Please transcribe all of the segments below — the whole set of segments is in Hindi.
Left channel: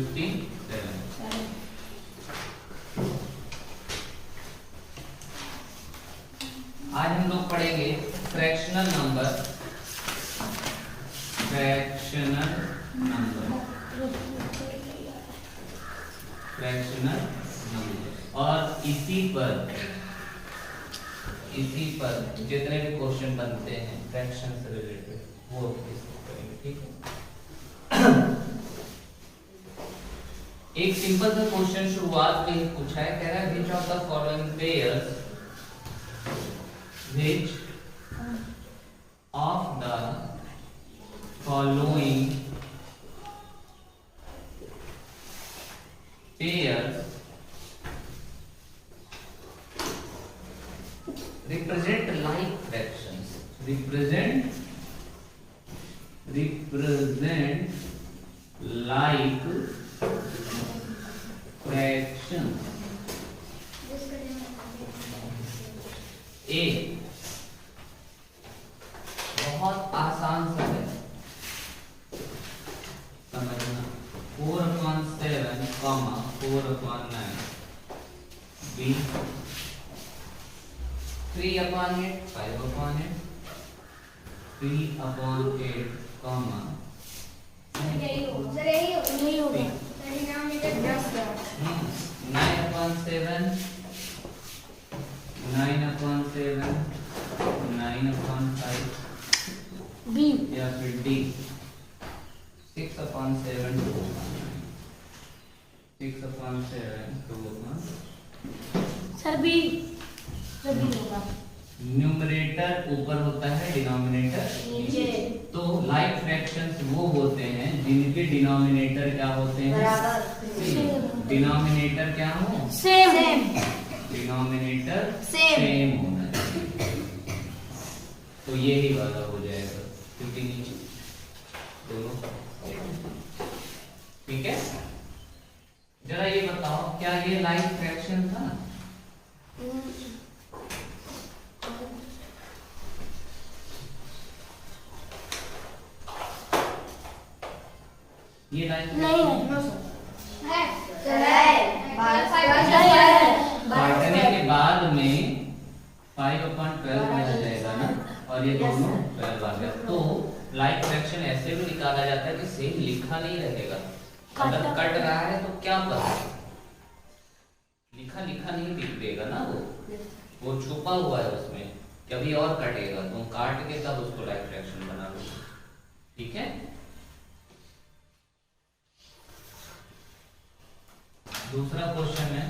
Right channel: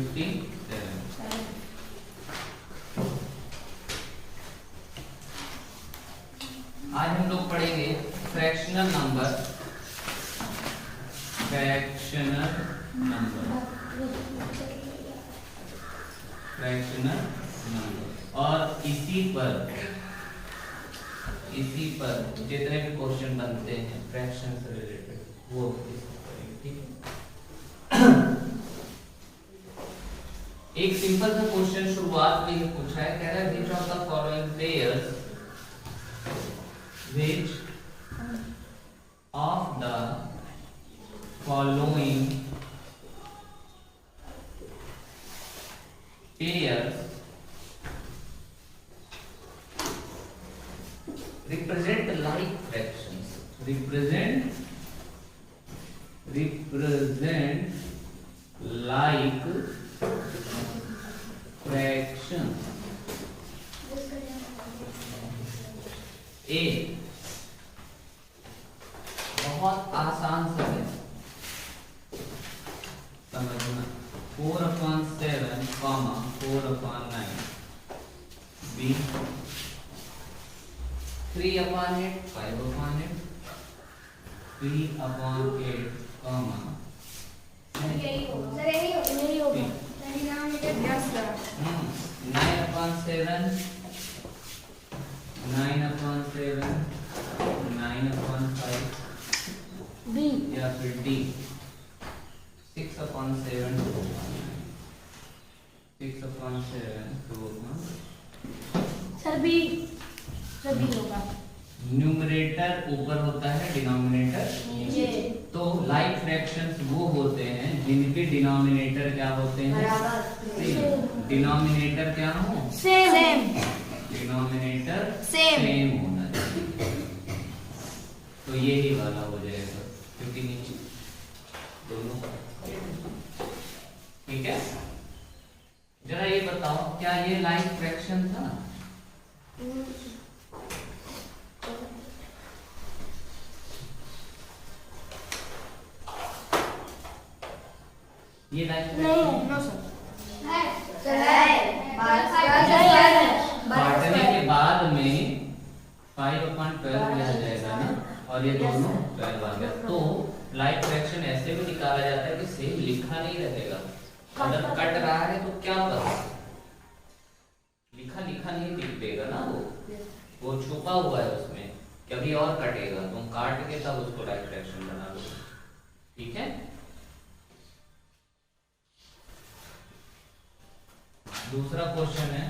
57। आज हम लोग पढ़ेंगे फ्रैक्शनल नंबर। फ्रैक्शनल नंबर और इसी पर जितने भी क्वेश्चन बनते हैं फ्रैक्शन से रिलेटेड वो करेंगे, ठीक है। एक सिंपल सा क्वेश्चन शुरुआत में ही पूछा है, कह रहा है which of the following pairs pairs represent like fractions, represent like fractions। ए बहुत आसान सा है समझना, 4/7, 4/9। बी 3/8, 5/8, 3/8, नहीं होगा 9/7, 9/7, 9/5 बी या फिर डी 6/7, 6/7, 2। सर बी होगा। न्यूमरेटर ऊपर होता है, डिनोमिनेटर नीचे। तो लाइक फ्रैक्शंस वो होते हैं जिनके डिनोमिनेटर क्या होते हैं, डिनोमिनेटर क्या हो, सेम। Denominator Same। सेम होना चाहिए। तो यही वाला हो जाएगा क्योंकि नीचे दोनों, ठीक है। जरा ये बताओ क्या ये लाइक फ्रैक्शन था? ये लाइक नहीं बांटने के बाद में 5/12 में आ जाएगा ना, और ये दोनों 12 आ गया। तो लाइक फ्रैक्शन ऐसे भी निकाला जाता है कि सेम लिखा नहीं रहेगा। अगर कट रहा है तो क्या पता, लिखा नहीं दिखेगा ना, वो छुपा हुआ है उसमें, कभी और कटेगा, तुम काट के तब उसको लाइक फ्रैक्शन बना लो, ठीक है। दूसरा क्वेश्चन है,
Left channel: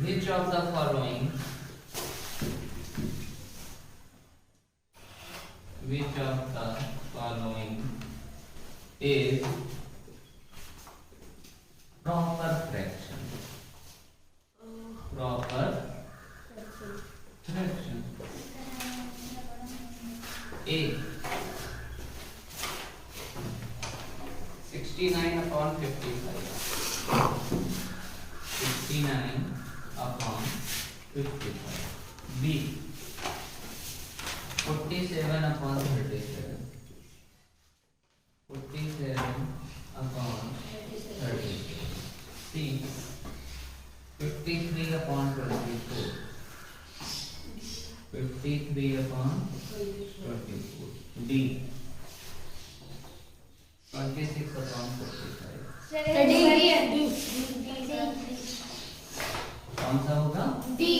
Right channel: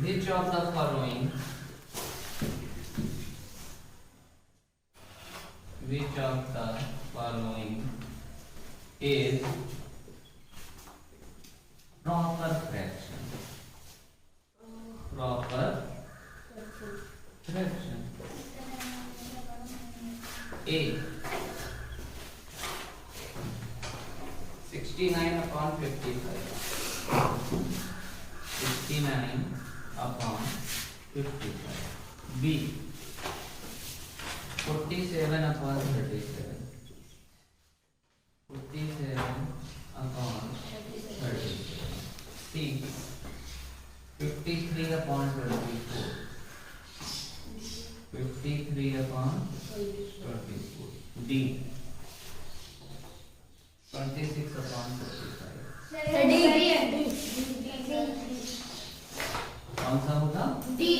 which of the following is proper fraction? Proper fraction. A 69/55, 69/55। B 47/37, 47/37। C 53/24, 53/24। D 26/45। कौन सा होगा? डी।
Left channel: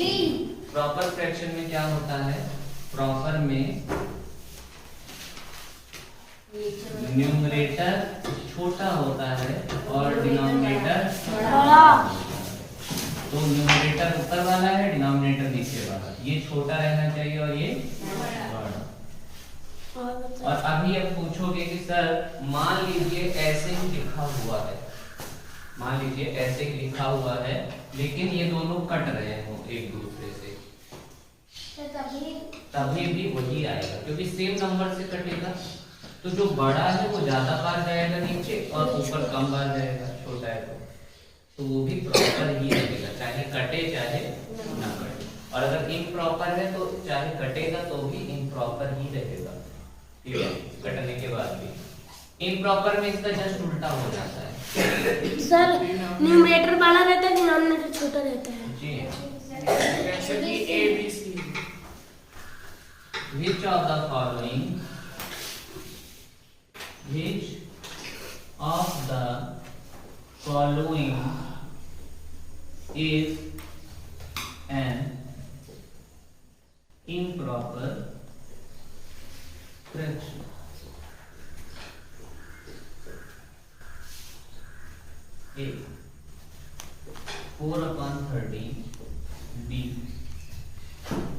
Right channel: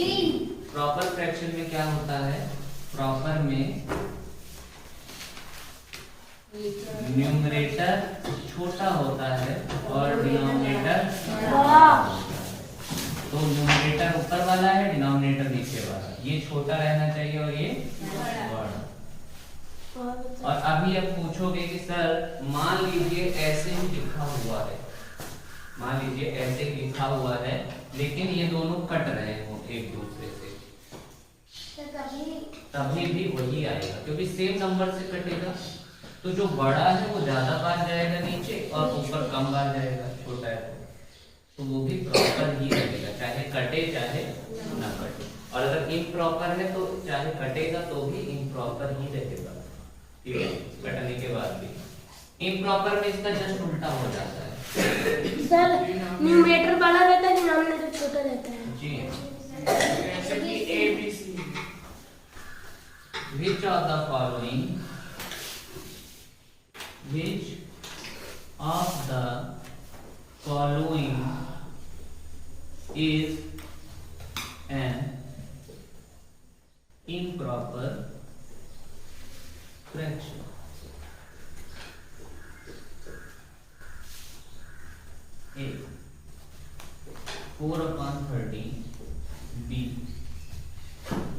प्रॉपर फ्रैक्शन में क्या होता है, प्रॉपर में न्यूमरेटर छोटा होता है और डिनोमिनेटर बड़ा। तो न्यूमरेटर ऊपर वाला है, डिनोमिनेटर नीचे वाला, ये छोटा रहना चाहिए और ये बड़ा। और अभी अब पूछोगे कि सर मान लीजिए ऐसे ही लिखा हुआ है, मान लीजिए ऐसे लिखा हुआ है लेकिन ये दोनों कट रहे हो एक दूसरे से, तभी भी वही आएगा क्योंकि सेम नंबर से कटेगा। तो जो बड़ा है वो ज्यादा बार जाएगा नीचे और ऊपर कम बार जाएगा, छोटा है तो वो भी प्रॉपर ही रहेगा, चाहे कटे चाहे ना कटे। और अगर इम्प्रॉपर है तो चाहे कटेगा तो भी इम्प्रॉपर ही रहेगा, ठीक है, कटने के बाद भी। इम्प्रॉपर में इसका जस्ट उल्टा हो जाता है। सर न्यूमरेटर बड़ा रहता है, डिनोमिनेटर छोटा रहता है। जी जैसे कि A B C. Which of the following is an improper fraction? A 4/13, B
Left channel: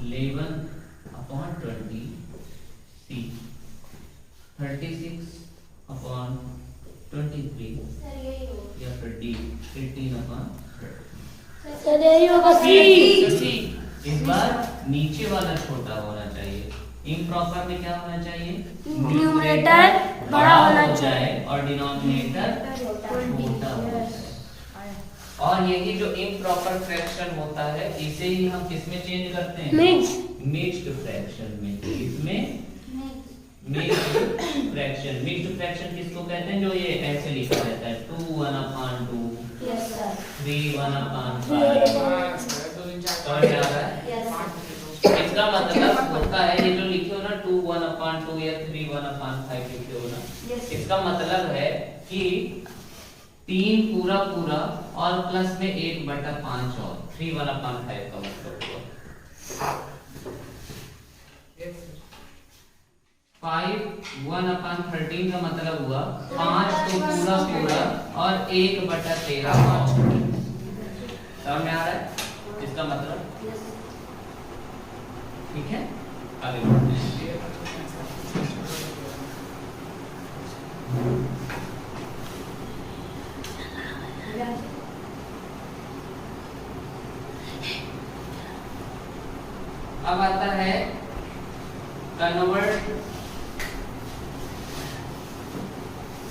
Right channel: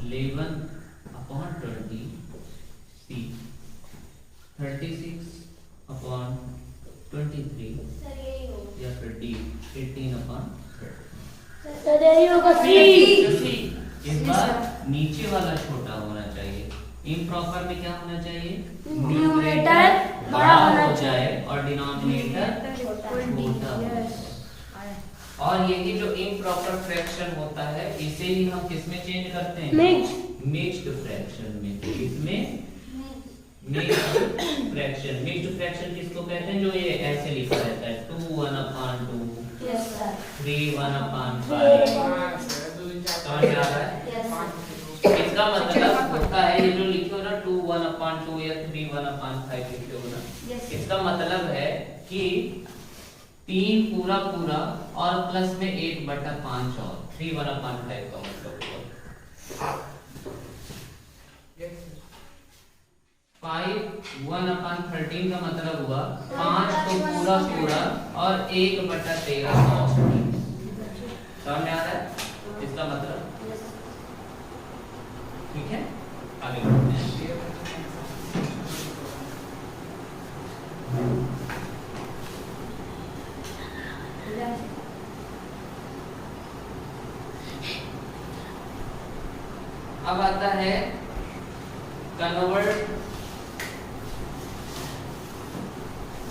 11/20, C 36/23 या फिर D 18/30। सर यही होगा सी। इस बार नीचे वाला छोटा होना चाहिए। इम्प्रॉपर में क्या होना चाहिए? न्यूमरेटर बड़ा होना हो जाए और डिनोमिनेटर छोटा होना चाहिए। और यही जो इम्प्रॉपर फ्रैक्शन होता है इसे ही हम किसमें चेंज करते हैं? मिक्स्ड फ्रैक्शन में। इसमें मिक्स्ड फ्रैक्शन किसको कहते हैं? जो ये ऐसे लिखा रहता है 2 1/2, 3 1/5। समझ में आ रहा है? इसका मतलब होता है ये जो लिखे हो ना 2 1/2 या 3 1/5 लिखे हो ना, इसका मतलब है कि 3 पूरा और प्लस में 1/5 और 3 1/5 का मतलब हुआ। 5 1/13 का मतलब हुआ 5 तो पूरा और 1/13 का। समझ में आ रहा है इसका मतलब? ठीक है, आगे बढ़ते हैं। अब आता है कन्वर्ट।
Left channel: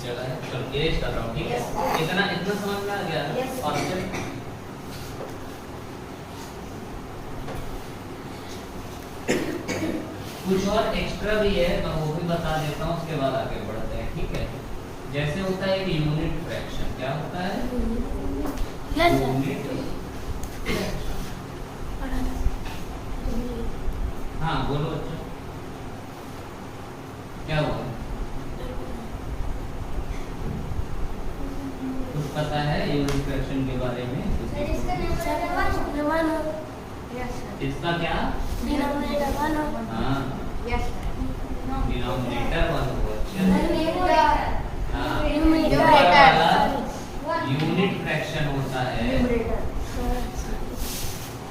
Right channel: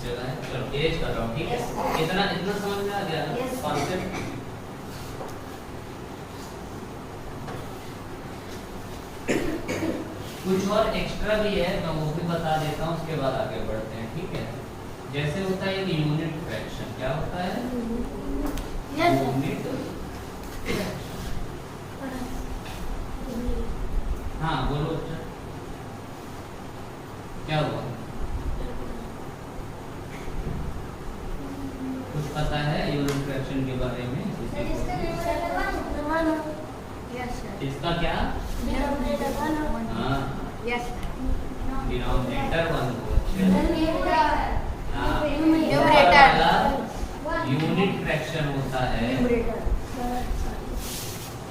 चला है, चल एज कर रहा हूँ, ठीक है? इतना समझ में आ गया कॉन्सेप्ट? कुछ और एक्स्ट्रा भी है, मैं वो भी बता देता हूँ, उसके बाद आगे बढ़ते हैं, ठीक है? जैसे होता है एक यूनिट फ्रैक्शन। क्या होता है? Unit fraction. हाँ बोलो अच्छा, क्या हुआ? कुछ पता है यूनिट फ्रैक्शन के बारे में? इसका क्या? हाँ डिनोमिनेटर 1 हो। यूनिट फ्रैक्शन होता है,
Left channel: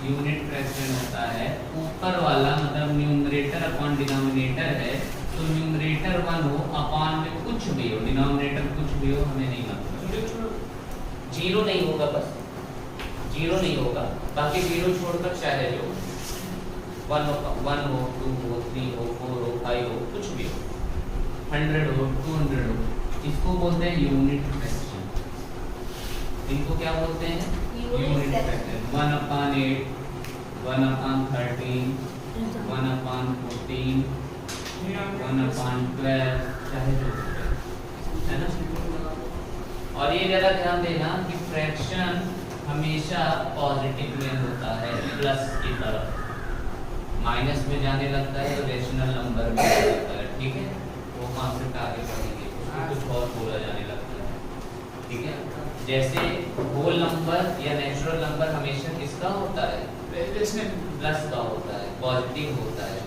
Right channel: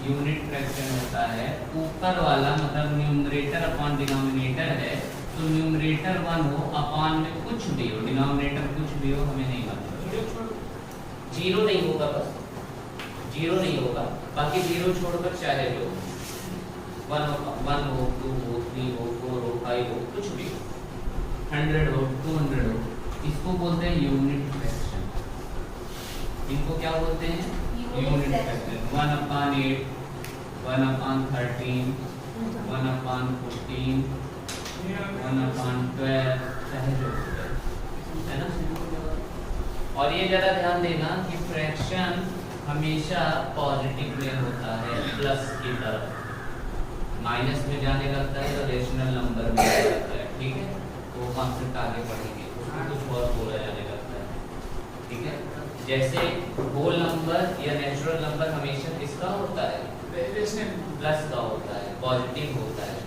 यूनिट फ्रैक्शन होता है ऊपर वाला, मतलब न्यूमरेटर अपॉन डिनोमिनेटर है, तो न्यूमरेटर 1 हो, अपॉन में कुछ भी हो, डिनोमिनेटर कुछ भी हो, हमें नहीं मतलब। जीरो नहीं होगा, बस जीरो नहीं होगा, बाकी जीरो छोड़कर चाहे जो 1 हो, 2 हो, 3 हो, 4 हो, 5 हो, कुछ भी 100 हो, 200 हो, इसको बोलते हैं यूनिट फ्रैक्शन। इनको क्या बोलते हैं? Unit fraction. 1/8, 1/13, 1/14, 1/12, चाहे जो है ना। और ये जरा ध्यान देना कि फ्रैक्शन हमेशा पॉजिटिव में होता है, प्लस की तरफ। माइनस में जाने लगता है तो रेशनल नंबर में जाता है, ठीक है? वो कॉन्सेप्ट आगे बढ़ेंगे, उसमें कुछ और बोला जाने लगता है, ठीक है? जैसे होल नंबर या नेचुरल नंबर हमेशा किसका होता है? प्लस का होता है, पॉजिटिव होता है।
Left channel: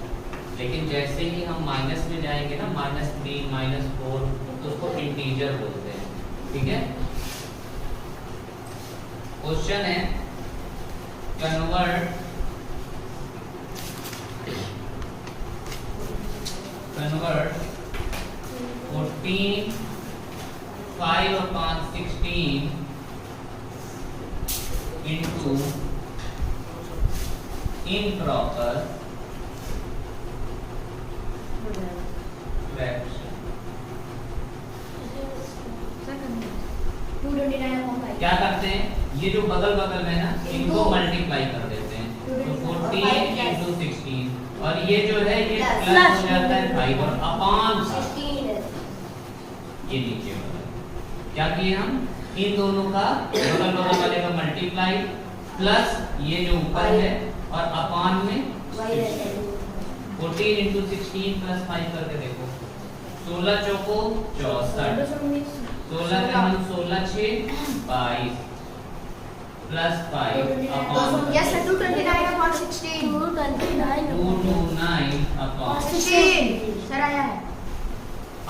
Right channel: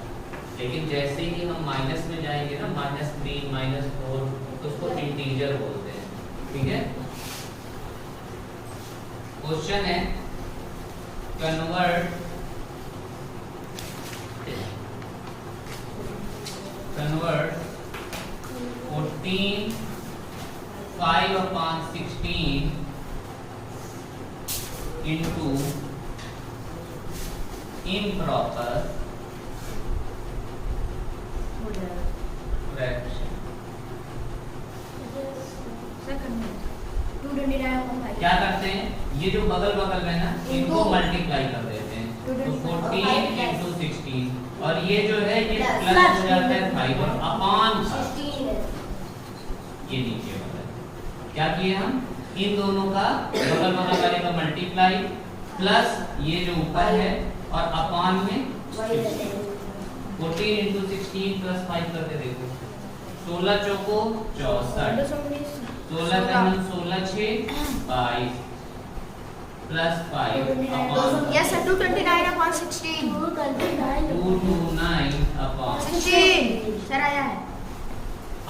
लेकिन जैसे ही हम माइनस में जाएंगे ना, -3, -4, तो उसको इंटीजर बोलते हैं, ठीक है? क्वेश्चन है कन्वर्ट 14 5/16 into improper fraction। क्या करते हैं? ये जो बगल में है ना, इनको मल्टीप्लाई कर देते हैं। 14 into 16 और ये जो है ये प्लस हो जाता है 5 और अपान ये नीचे वाला क्या किए हम इन दोनों का बगल बगल वाले का मल्टीप्लाई प्लस ये जो ऊपर है और अपान में 14 into 16 प्लस 5 करके देखो 16 चौको 64 16 का हम 16 6 22 प्लस 5 अपान Yes, sir. 229 upon 16. 229 अपान 16. Sir, आया है.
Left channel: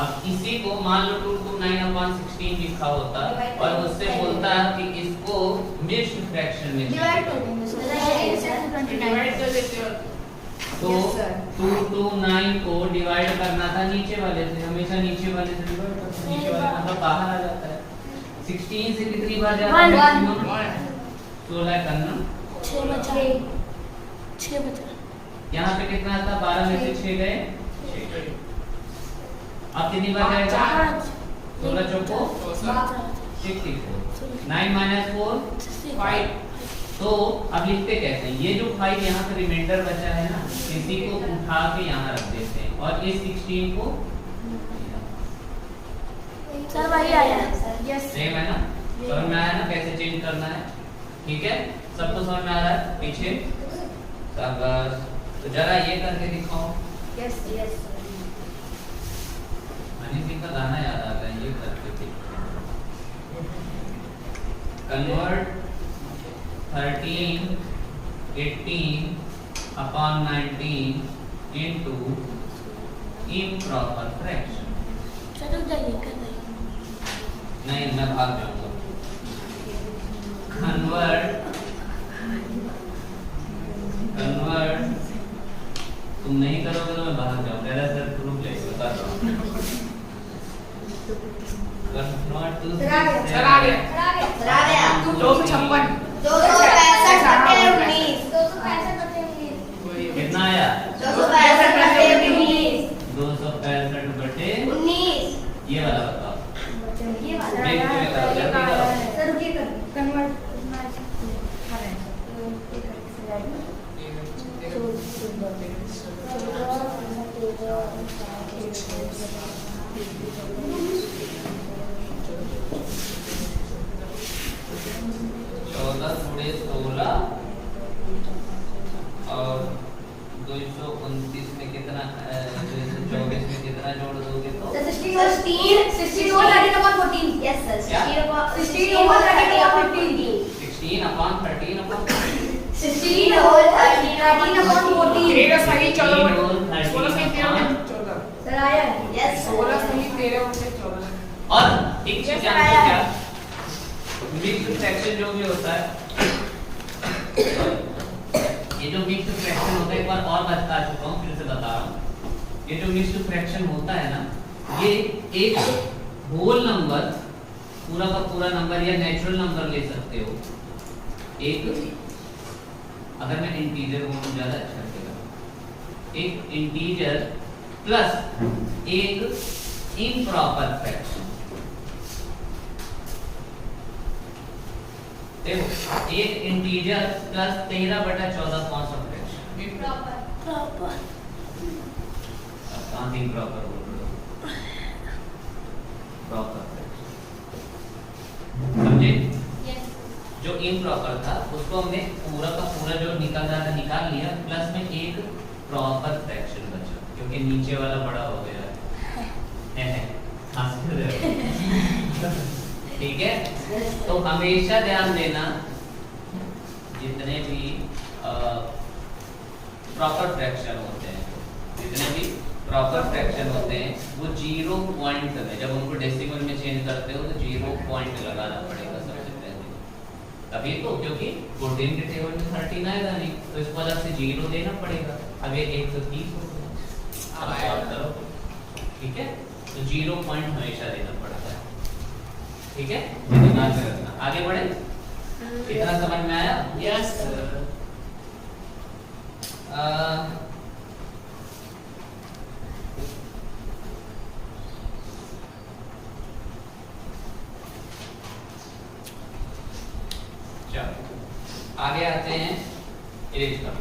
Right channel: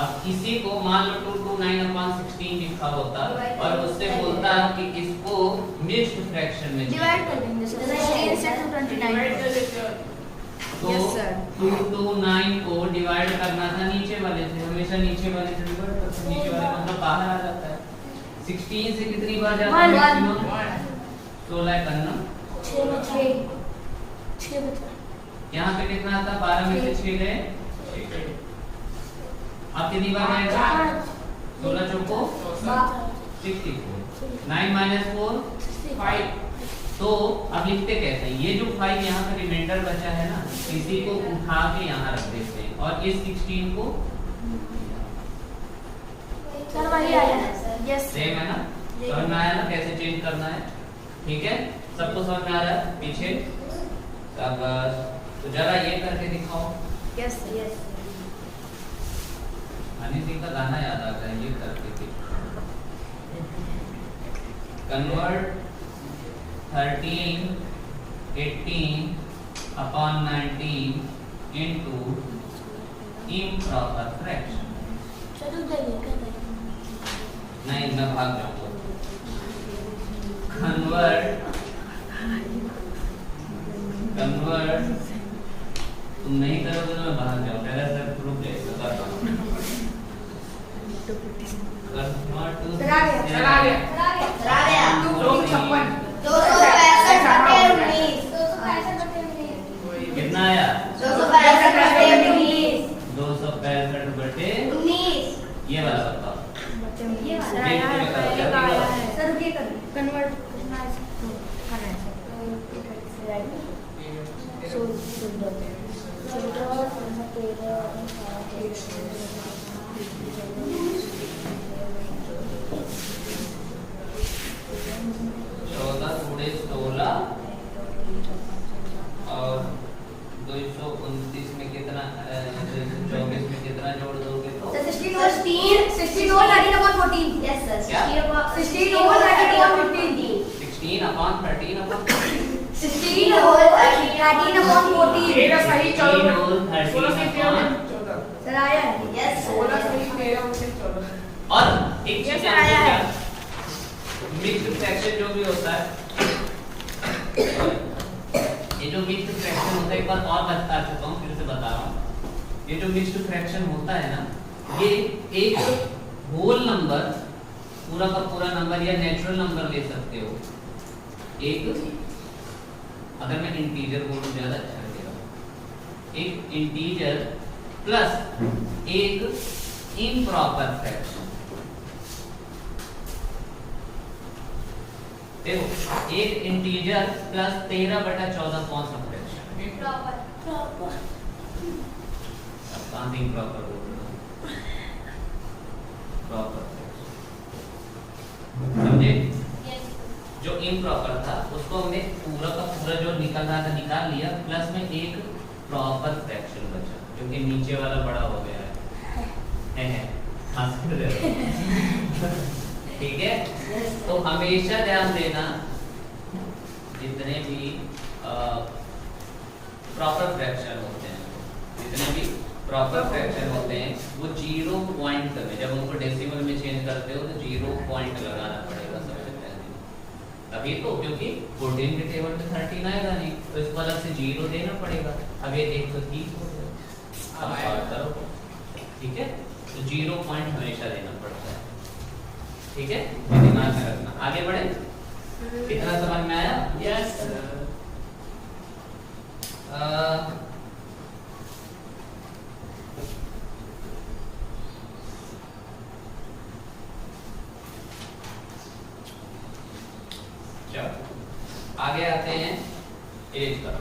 अब इसी को मान लो 229 अपॉन 16 लिखा होता और उससे बोलता है कि इसको मिक्स्ड फ्रैक्शन में Divide कर देंगे सर. 16 से 229. डिवाइड कर देते हो तो Yes, sir. 229 को डिवाइड करना था नीचे वाले से हमेशा नीचे वाले से डिवाइड करते हैं नीचे वाला नंबर बाहर आ जाता है 16 से कितनी बार जाता है मैक्सिमम 16 करना 6 बचा यहाँ पे कितना था 12 में से 6 गए अब कितनी बार जाएगा 16 चौको 64 9 minus 4 5 तो अब लिखते कैसे हैं ये जो 5 यहाँ पे रिमाइंडर बचा है ना इसी को उठा के यहाँ रख देते हैं और इस 16 को सर वही आया Yes. सेम है ना समझ में आया ना कैसे चेंज करना है ठीक है सबको समझ में आ रहा है पीछे शाबाश तो जरा ये करके दिखाओ Yes, yes. हनी सिंह का गाना याद आता है ये करके थे convert 13 18 upon 19 into improper fraction चलो जाइए कर दे नहीं मैं भाग जाऊंगा कन्वर्ट तुम नहीं करोगे तो मैं बाहर जाऊँ मेरा सर प्रूफ ले बता रहा हूँ कन्वर्ट टू चला गया 256 कितना आया 265 बटे ये वाला बताओ ये में करो जल्दी करो और 229 में कितना 224 में कितना जोड़ दोगे तो 16 over 13 upon 14. Yes, sir. 16 over 13 upon 14. 16 upon 13 upon 16 over 13 upon 14. तेरह सही 14 16 और 13 16 से 13 upon में 14 Sir, आया है. Yes, sir. 16 सही 13 से 14 और एक चीज जानते हो क्या मिक्स्ड फ्रैक्शन जो भी होता है ये जो मिक्स्ड फ्रैक्शन होता है एक बार और बता चुका हूँ फिर से बता रहा हूँ ये जो मिक्स्ड फ्रैक्शन होता है ना ये एक होल नंबर पूरा का पूरा नंबर या नेचुरल नंबर ले सकते हो एक अगर मैं इंटीजर बोलूं ज्यादा अच्छा लगेगा एक इंटीजर प्लस एक इम्प्रॉपर फ्रैक्शन देखो एक इंटीजर प्लस 13/14 कौन सा फ्रैक्शन प्रॉपर कहाँ से इम्प्रॉपर बोल रहे हो प्रॉपर समझे जो इम्प्रॉपर था उसको हमने पूरा का पूरा जो निकल रहा था निकाल लिया प्लस में एक प्रॉपर फ्रैक्शन बचा क्योंकि नीचे वाला बड़ा हो गया है हंस क्यों रहे हो? ठीक है तो हमेशा ध्यान देना जितने भी प्रॉपर फ्रैक्शन होते हैं जितने भी प्रॉपर फ्रैक्शन होते हैं वो 0 पॉइंट करने जब उनको डेसिमल में चेंज करते हो तो 0 पॉइंट लगाना पड़ेगा सबसे पहले अभी तो क्योंकि 14 के टेबल में 13 आएगा नहीं तो इसको अलग से 0 देना पड़ेगा अब ये 130 हो गया अब सॉल्व करो ठीक है तो 0 पॉइंट हमेशा देना पड़ता है ठीक है ये दिमाग में रखना आगे बढ़े कितना समझ में आया यस चलो आगे आते हैं एज का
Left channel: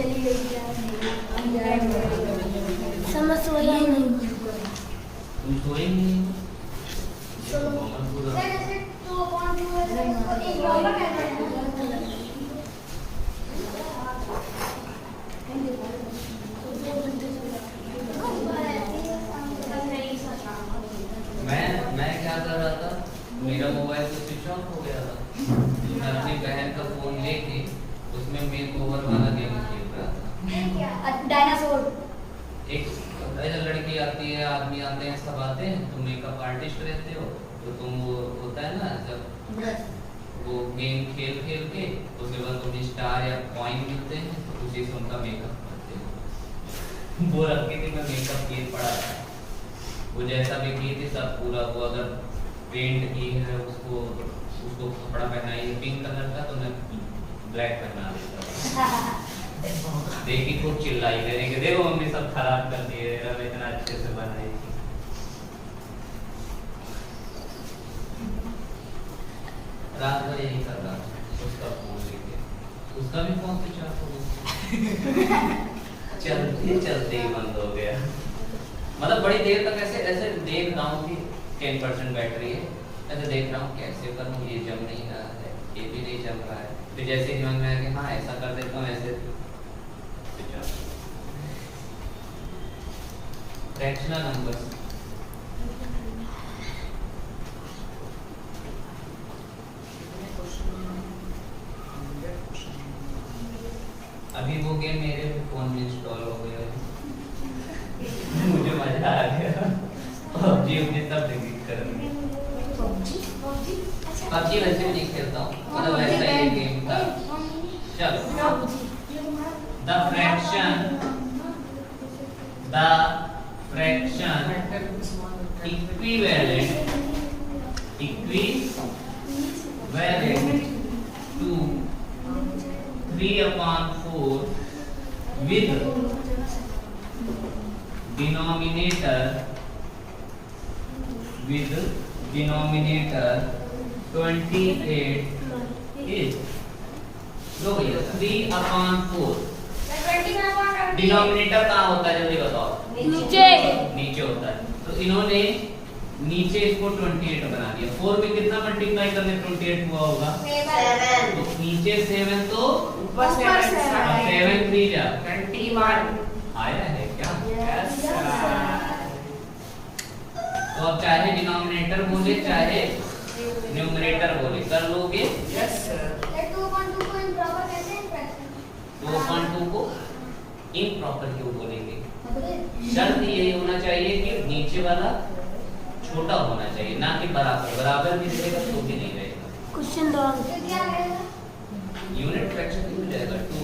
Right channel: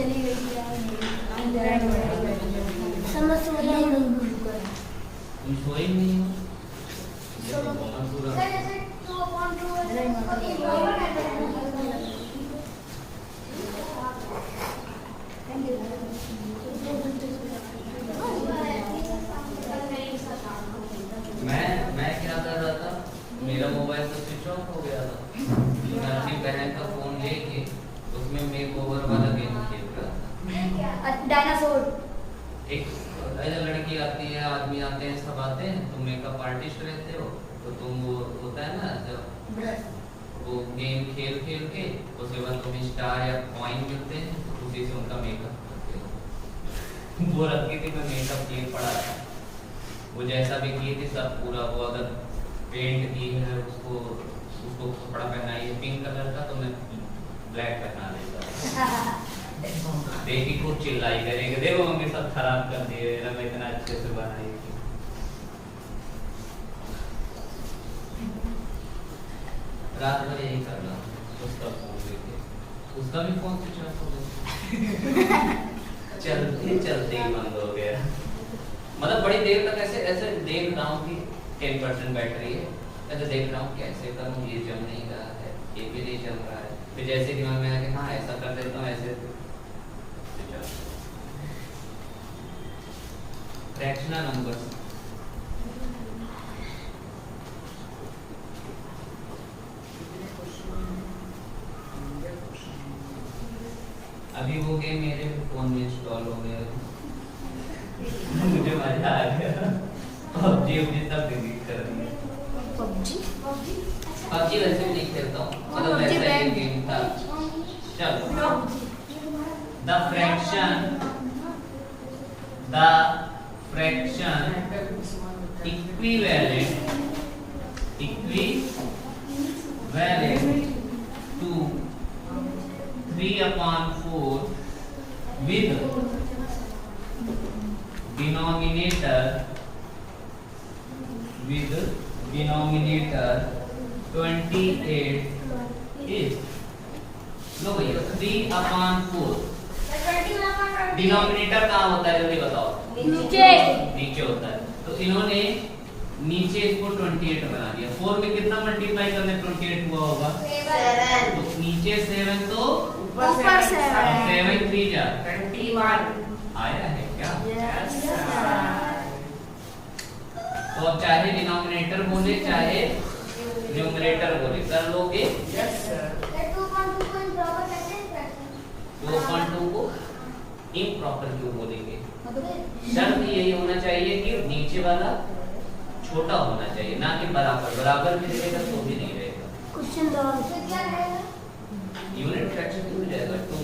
चली गई समझ सोया ही नहीं। तुम सोए नहीं हो? मैं क्या कर रहा था, मेरा मोबाइल तो स्विच ऑफ हो गया था। मैं अपनी बहन का फोन लेके उसमें मेक ओवर वाला गेम खेल रहा था। डायनासोर एक लड़की आती है, आदमी आते हैं, सब आते हैं, तुम मेकअप आर्टिस्ट रहते हो, तो तुम वो होता है ना जब वो गेम खेल खेल के उसके बाद तुम्हें स्टार या कॉइन मिलते हैं, तो उसी से उनका मेकअप करते हो। वो रखी थी, मैं मेकअप किए पड़ा था, वो जैसा भी की थी सब पूरा, वो अगर पेंट की है उसको कपड़ा पहनाई है पिंक कलर का, तो मैं ब्लैक पहना देता। देखी खूब चिल्लाई करेंगे, देखो मम्मी सब खराब कर दिए, रब इतना अच्छे से बनाई। रात भर यही कर रहा हूँ, उसका फोन लेके, उसका भी फोन स्विच ऑफ हो गया। चलते चलते ही बंद हो गया। मतलब बड़ी देर तक ऐसे देख रहा हूँ कि 10% बैटरी है, ऐसे देख रहा हूँ कैसे करूँ, ये जम नहीं रहा है, ये भी नहीं जम रहा है। फिर जैसे कि मैं आके हाँ ऐसा कर देता हूँ, ऐसे फ्रैक्शनल नंबर। अभी वो गेम मेरे फोन में इंस्टॉल हो गया है। मुझे मजा आ गया, पबजी सब डिलीट कर दिया। पबजी वैसे नहीं खेलता हूँ, मतलब वैसा ही गेम था। चलो, the fraction equivalent to 3/4 with denominator 28 is, लो भैया 3/4 डिनोमिनेटर कहाँ होता है जल्दी बताओ? नीचे होता है। तो इन्होंने नीचे इसको 28 बना दिया। 4 में कितना मल्टीप्लाई करने 28 हुआ होगा? 7। तो नीचे 7 तो ऊपर 7 7 3 जा 21 आया है क्या? यस तो अब चाहे डिनोमिनेटर बोले चाहे न्यूमरेटर बोले, कर लोगे? Yes sir. 2.2 को इम्प्रॉपर क्यों बोलेंगे? शर्त यही होना चाहिए कि नीचे वाला छोटा होना चाहिए, ना कि बराबर। बराबर भी रहेगा तो भी नहीं रहेगा। क्वेश्चन दो। यूनिट फ्रैक्शन हो जाएगा, 2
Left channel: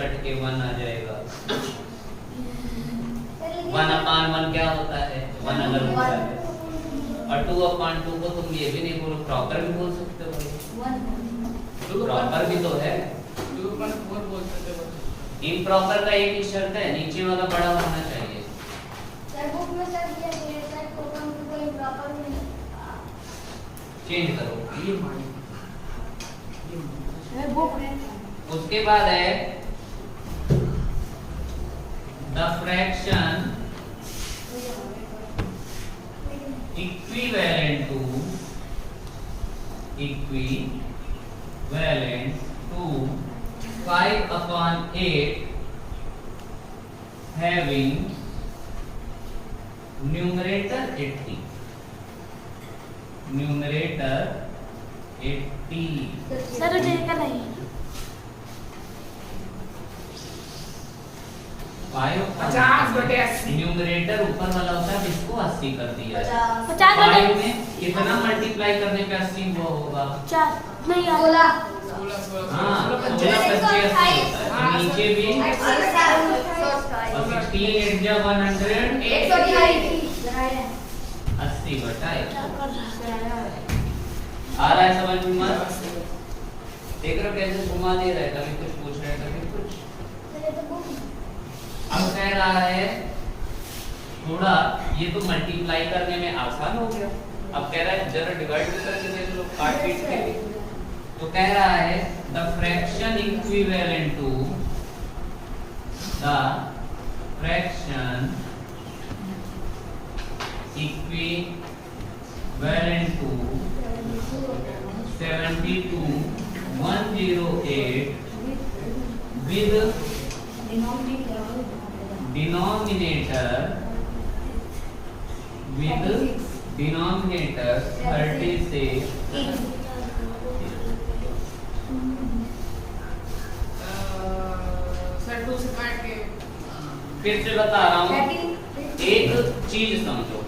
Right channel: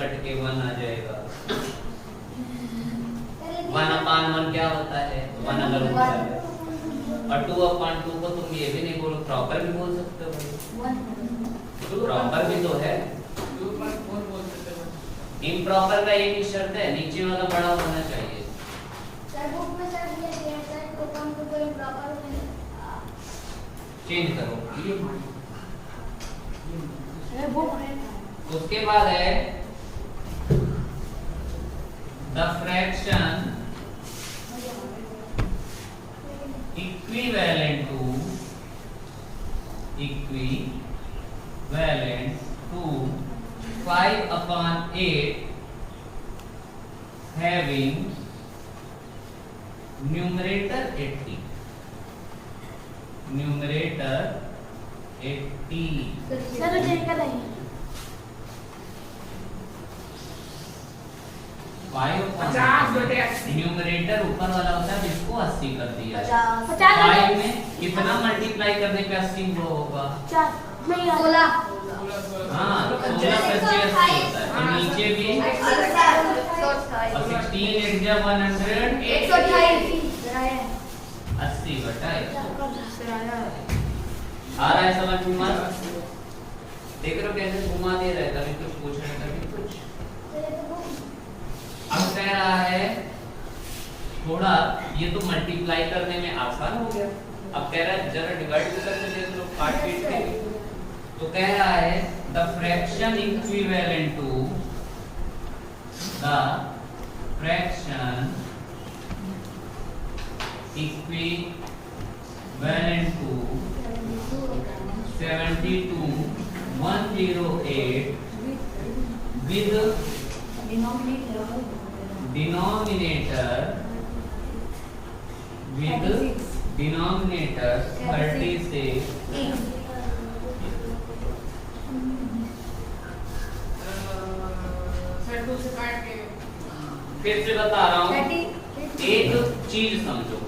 कट के 1 आ जाएगा। 1/1 क्या होता है? 1 अगर ऊपर है, और 2/2 को तुम ये भी नहीं बोलो, प्रॉपर भी बोल सकते हो। प्रॉपर भी तो है। 2.4 बोल सकते हो। इम्प्रॉपर का एक ही शर्त है, नीचे वाला बड़ा होना चाहिए। चेंज करो। उसके बाद है the fraction equivalent to 5/8 having numerator 80 सर देखकर आइए। 50/80 न्यूमरेटर ऊपर वाला होता है जिसको 80 कर दिया। 50 5 में कितना मल्टीप्लाई करने पे 80 वो होगा? 4 नहीं यार। हाँ, 16 + 80 होता है। तो नीचे भी और 16 8 जा 100 80/100 आ रहा है समझ में? मत देख रहे हो कैसे घुमा दे रहा है, कभी कुछ पूछ रहे हैं कभी कुछ। अब कह रहा है थोड़ा ये तो मल्टीप्लाई करने में आसान हो गया, अब कह रहा है जरा डिवाइड भी करके देख लो, काट पीट के। तो कह रहा है the fraction equivalent to the fraction equivalent to 72,108 with denominator 36 सर 2 से काट के फिर से बता रहा हूँ, एक चीज समझो।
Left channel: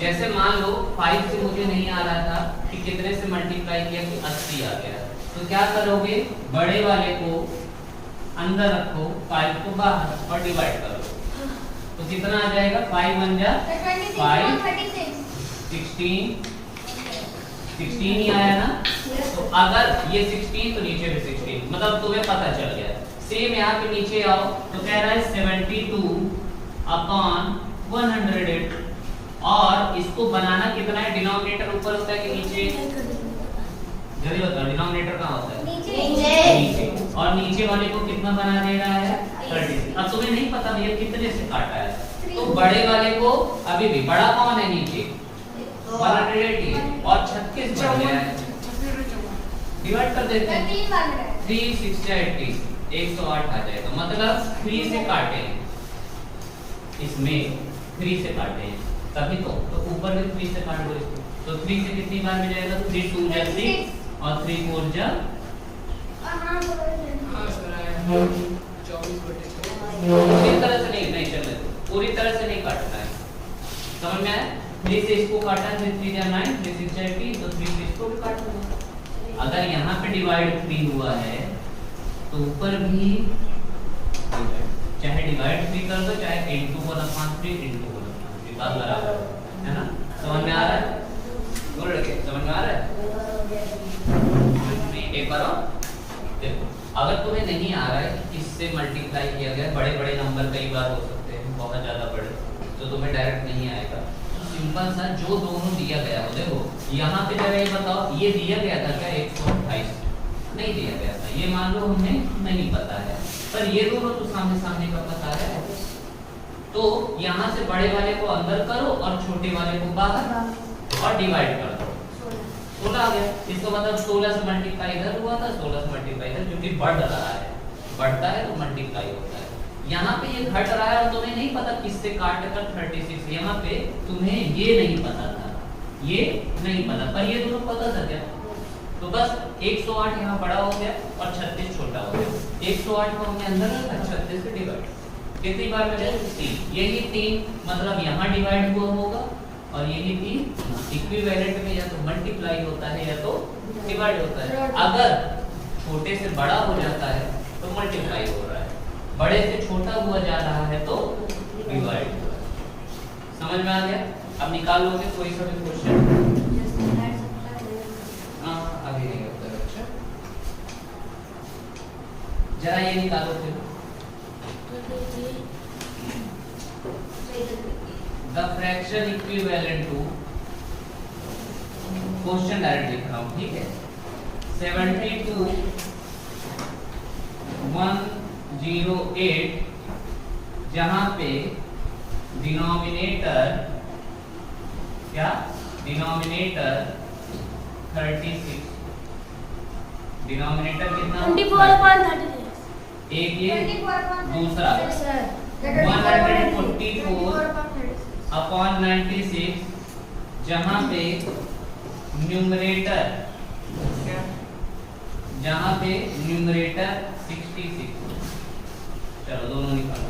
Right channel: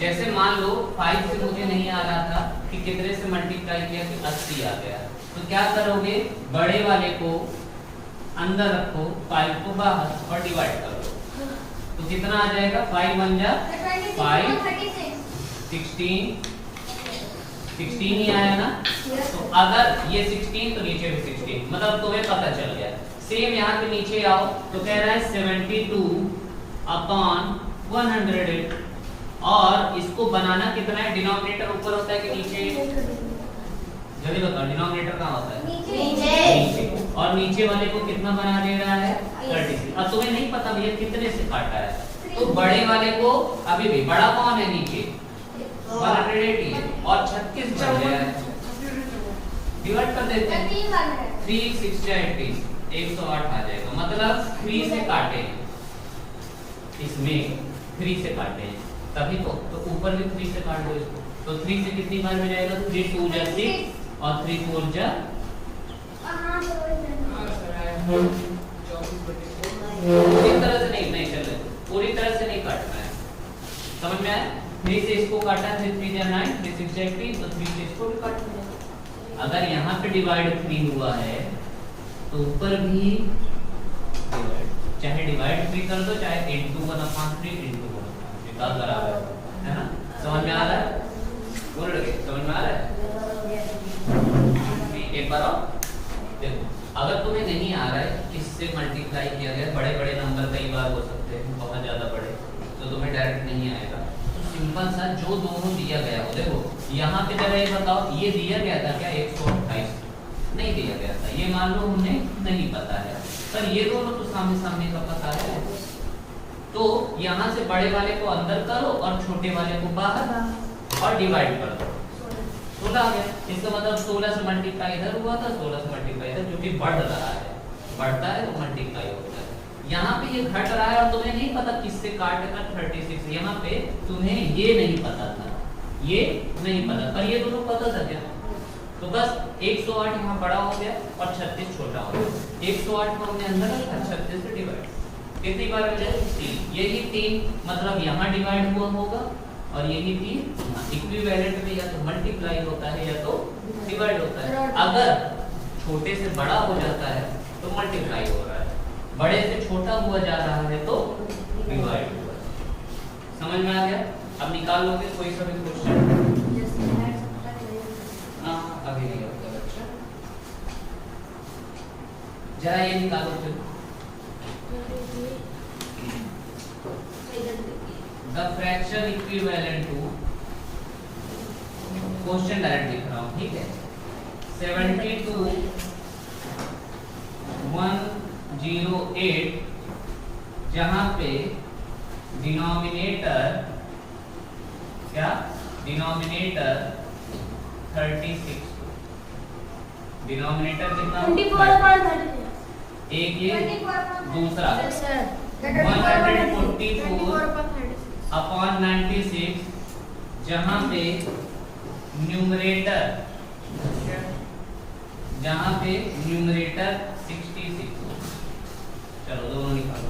जैसे मान लो 5 से मुझे नहीं आ रहा था कि कितने से मल्टीप्लाई किया कि 80 आ गया, तो क्या करोगे, बड़े वाले को अंदर रखो, 5 को बाहर और डिवाइड कर लो, तो कितना आ जाएगा, 5 1 जा 5, 16 ही आया ना। तो अगर ये 16 तो नीचे भी 16, मतलब तुम्हें पता चल गया। सेम यहाँ पे नीचे आओ तो कह रहा है 72/108, और इसको बनाना कितना है, डिनोमिनेटर ऊपर होता है कि नीचे, जल्दी बताओ, डिनोमिनेटर कहाँ होता है, नीचे, और नीचे वाले को कितना बना दे रहा है, 36। अब तुम्हें नहीं पता भैया कितने से काटा है, तो बड़े वाले को, अभी भी बड़ा कौन है नीचे, 180 है, और 36 बन गया है, डिवाइड कर देते हैं, 3 6 80 108 आ जाएगा। मतलब 3 से काटे हैं, इसमें 3 से काटे हैं, तभी तो ऊपर में 3 से काट दो इसको, तो 3 से कितनी बार में जाएगा, 3 2 जा 6 और 3 4 जा, पूरी तरह से नहीं चल रहा, पूरी तरह से नहीं काटना है, समझ में आया। 3 से इसको काटा, 3 3 जा 9, 3 6 जा 18, तो 3 से इसको भी काट दो। अगर यहाँ पे डिवाइड 3 हुआ है तो ऊपर भी चाहे डिवाइड 3 कर दो, चाहे 8 2 1/3 into 1/3 बात बराबर है ना, समझ में आ रहा है, बोल रहे समझ में आ रहा है। एक बार और देखो, अगर तुम्हें नहीं आ रहा है किससे मल्टीप्लाई किया गया, बड़े बड़े नंबर कई बार हो सकते हैं, बहुत ज्यादा बड़े, तो तुम्हें डायरेक्ट नहीं आएगा, तो सिंपल सा जो दोनों दिया गया हो, देखो यहाँ पे जरा ये बताओ, ये दिया गया था क्या 128, नहीं दिया गया था, ये मान लो हमें नहीं पता है, पर ये दोनों तो सामने सामने का पता है, तो यहाँ से बड़े वाले को अंदर करो और छोटे वाले को बाहर और डिवाइड कर दो, 16 आ गया। इसका मतलब 16 से मल्टीप्लाई इधर हुआ था, 16 से मल्टीप्लाई इधर, क्योंकि बढ़ रहा है, बढ़ता है तो मल्टीप्लाई होता है। यहाँ पे ये घट रहा है और तुम्हें नहीं पता किससे काटेगा 36, यहाँ पे तुम्हें ये नहीं पता था, ये नहीं पता, पर ये दोनों पता था क्या, तो बस 108 यहाँ बड़ा हो गया और 36 छोटा हो गया, 108 को हमने अंदर रखा, 36 से डिवाइड, कितनी बार में जाए 3, यही 3 मतलब यहाँ डिवाइड हुआ होगा, और यही 3 इक्विवेलेंट में या तो मल्टीप्लाई होता है या तो डिवाइड होता है। अगर छोटे से बड़ा हो जाता है तो मल्टीप्लाई हो रहा है, बड़े से छोटा हुआ जा रहा है तो डिवाइड हो रहा है, समझ में आ गया। अब निकाल लोगे कोई सा भी क्वेश्चन, अभी नहीं होता, अच्छा जरा ये निकालो फिर, the fraction equivalent to, question direct लिख रहा हूँ, ठीक है, 72,108, जहां पे डिनोमिनेटर क्या, डिनोमिनेटर 36, डिनोमिनेटर कितना, 24/36, एक ये दूसरा 144/96, जहां पे न्यूमरेटर 66, चलो दोनों निकालो,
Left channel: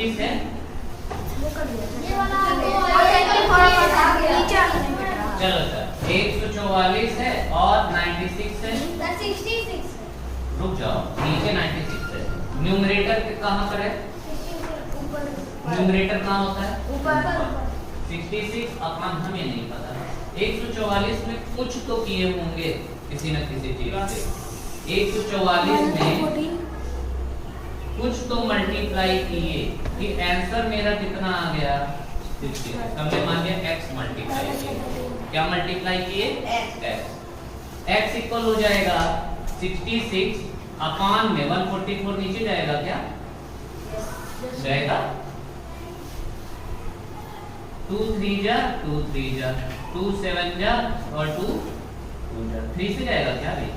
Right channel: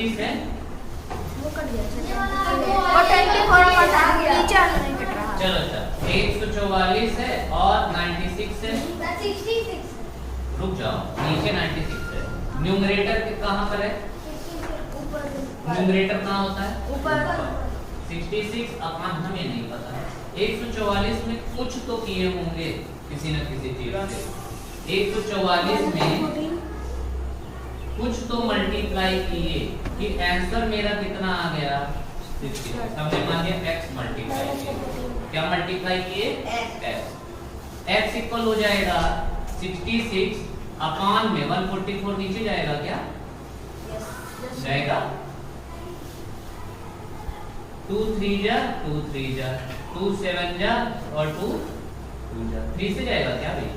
36 है। ये वाला नीचे चलो सर 144 है और 96 है। 66 रुक जाओ, नीचे 96 है। न्यूमरेटर कहाँ पर है? न्यूमरेटर कहाँ होता है? ऊपर। 66 अपॉन हमें नहीं पता है। 144 में कुछ तो किए होंगे किसी न किसी चीज से। 144 में कुछ तो मल्टीप्लाई किए कि आंसर मेरा कितना आ गया? 66। हमने मान लिया x मल्टीप्लाई किए। क्या मल्टीप्लाई किए? x इक्वल हो जाएगा 66 अपॉन में 144 नीचे जाएगा क्या? जाएगा। 2 3 जा 2 3 जा 2 7 जा और 2 2 जा 3 से जाएगा क्या भाई?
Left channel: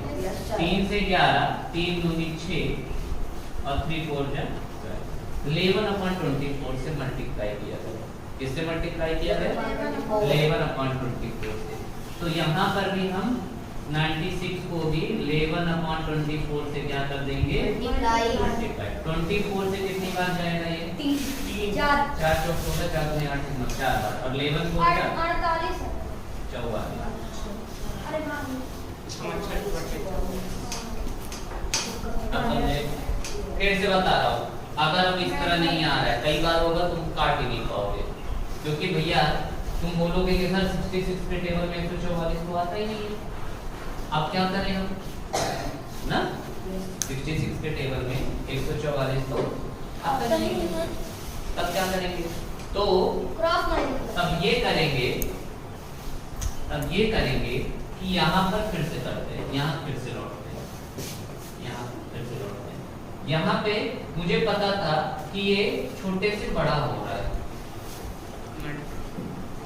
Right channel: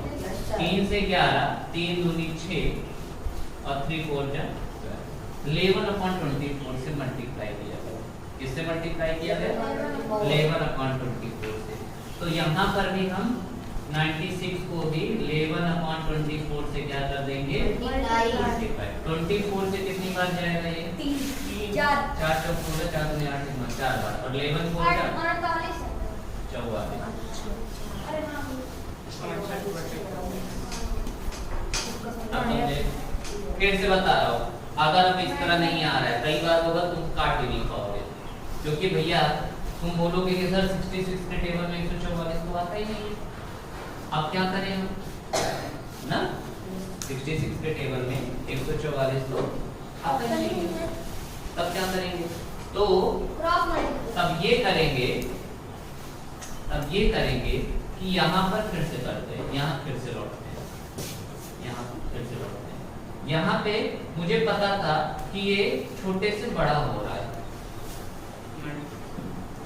3 से 11 3 दूनी 6 और 3 4 जा 11/24 से मल्टीप्लाई किया गया। किससे मल्टीप्लाई किया गया? 11/24 से। तो यहाँ पर भी हम 96 को भी 11/24 से क्या कर देंगे? मल्टीप्लाई। 24 से कितनी बार जाएगा ये? 4 4 4 4 8 4 बार और 11 4 44। अब समझे? फिर से बता रहा हूँ, अगर अब इस तरह नहीं आ रहा है, कई बार होगा तुम काट ही नहीं पाओगे, क्योंकि भैया तुम बोलोगे कि सर 66 के टेबल में 144 तो आता ही नहीं है। अब क्या करें हम ना? 66 के टेबल में 144 तो आता नहीं है। तब क्या करेंगे? तो अब ये करेंगे कि यहाँ पर फिर से करते हैं, यहाँ फिर से लौटते हैं, यहाँ फिर से लौटते हैं। यहाँ पे मुझे पता था कि ये छोटे से बड़ा हो रहा है,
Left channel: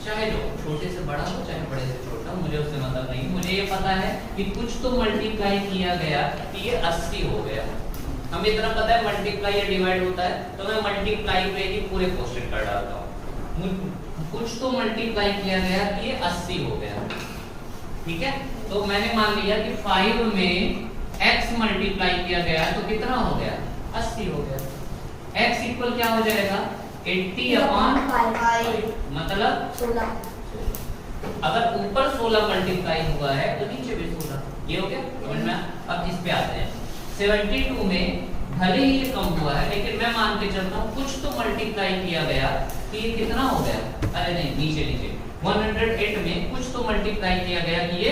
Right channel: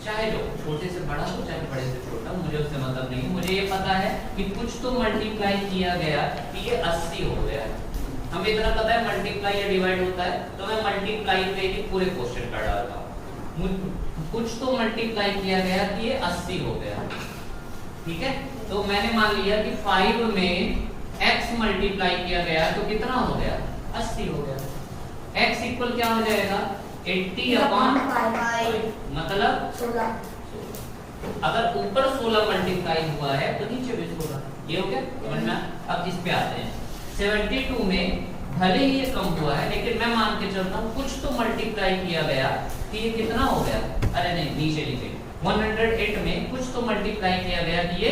चाहे जो छोटे से बड़ा हो चाहे बड़े से छोटा, मुझे उससे मतलब नहीं। मुझे ये पता है कि कुछ तो मल्टीप्लाई किया गया कि ये 80 हो गया। हमें इतना पता है मल्टीप्लाई या डिवाइड होता है, तो मैं मल्टीप्लाई पे ही पूरे क्वेश्चन कर डालता हूँ। कुछ तो मल्टीप्लाई किया गया कि ये 80 हो गया, ठीक है। तो मैंने मान लिया कि 5 में x मल्टीप्लाई किया गया तो कितना हो गया? 80 हो गया। x इक्वल क्या हो जाएगा? 80/5 मतलब 16। अगर ऊपर 16 मल्टीप्लाई हुआ है तो नीचे भी 16। ये हो गया समझ में? अब इस पे आते हैं। 72 में भले ही ये कम हुआ है, लेकिन मैं मान के चलता हूँ कुछ तो मल्टीप्लाई किया गया कि ये कितना हो गया? अरे नहीं, नीचे 108 में कुछ तो मल्टीप्लाई किया गया कि ये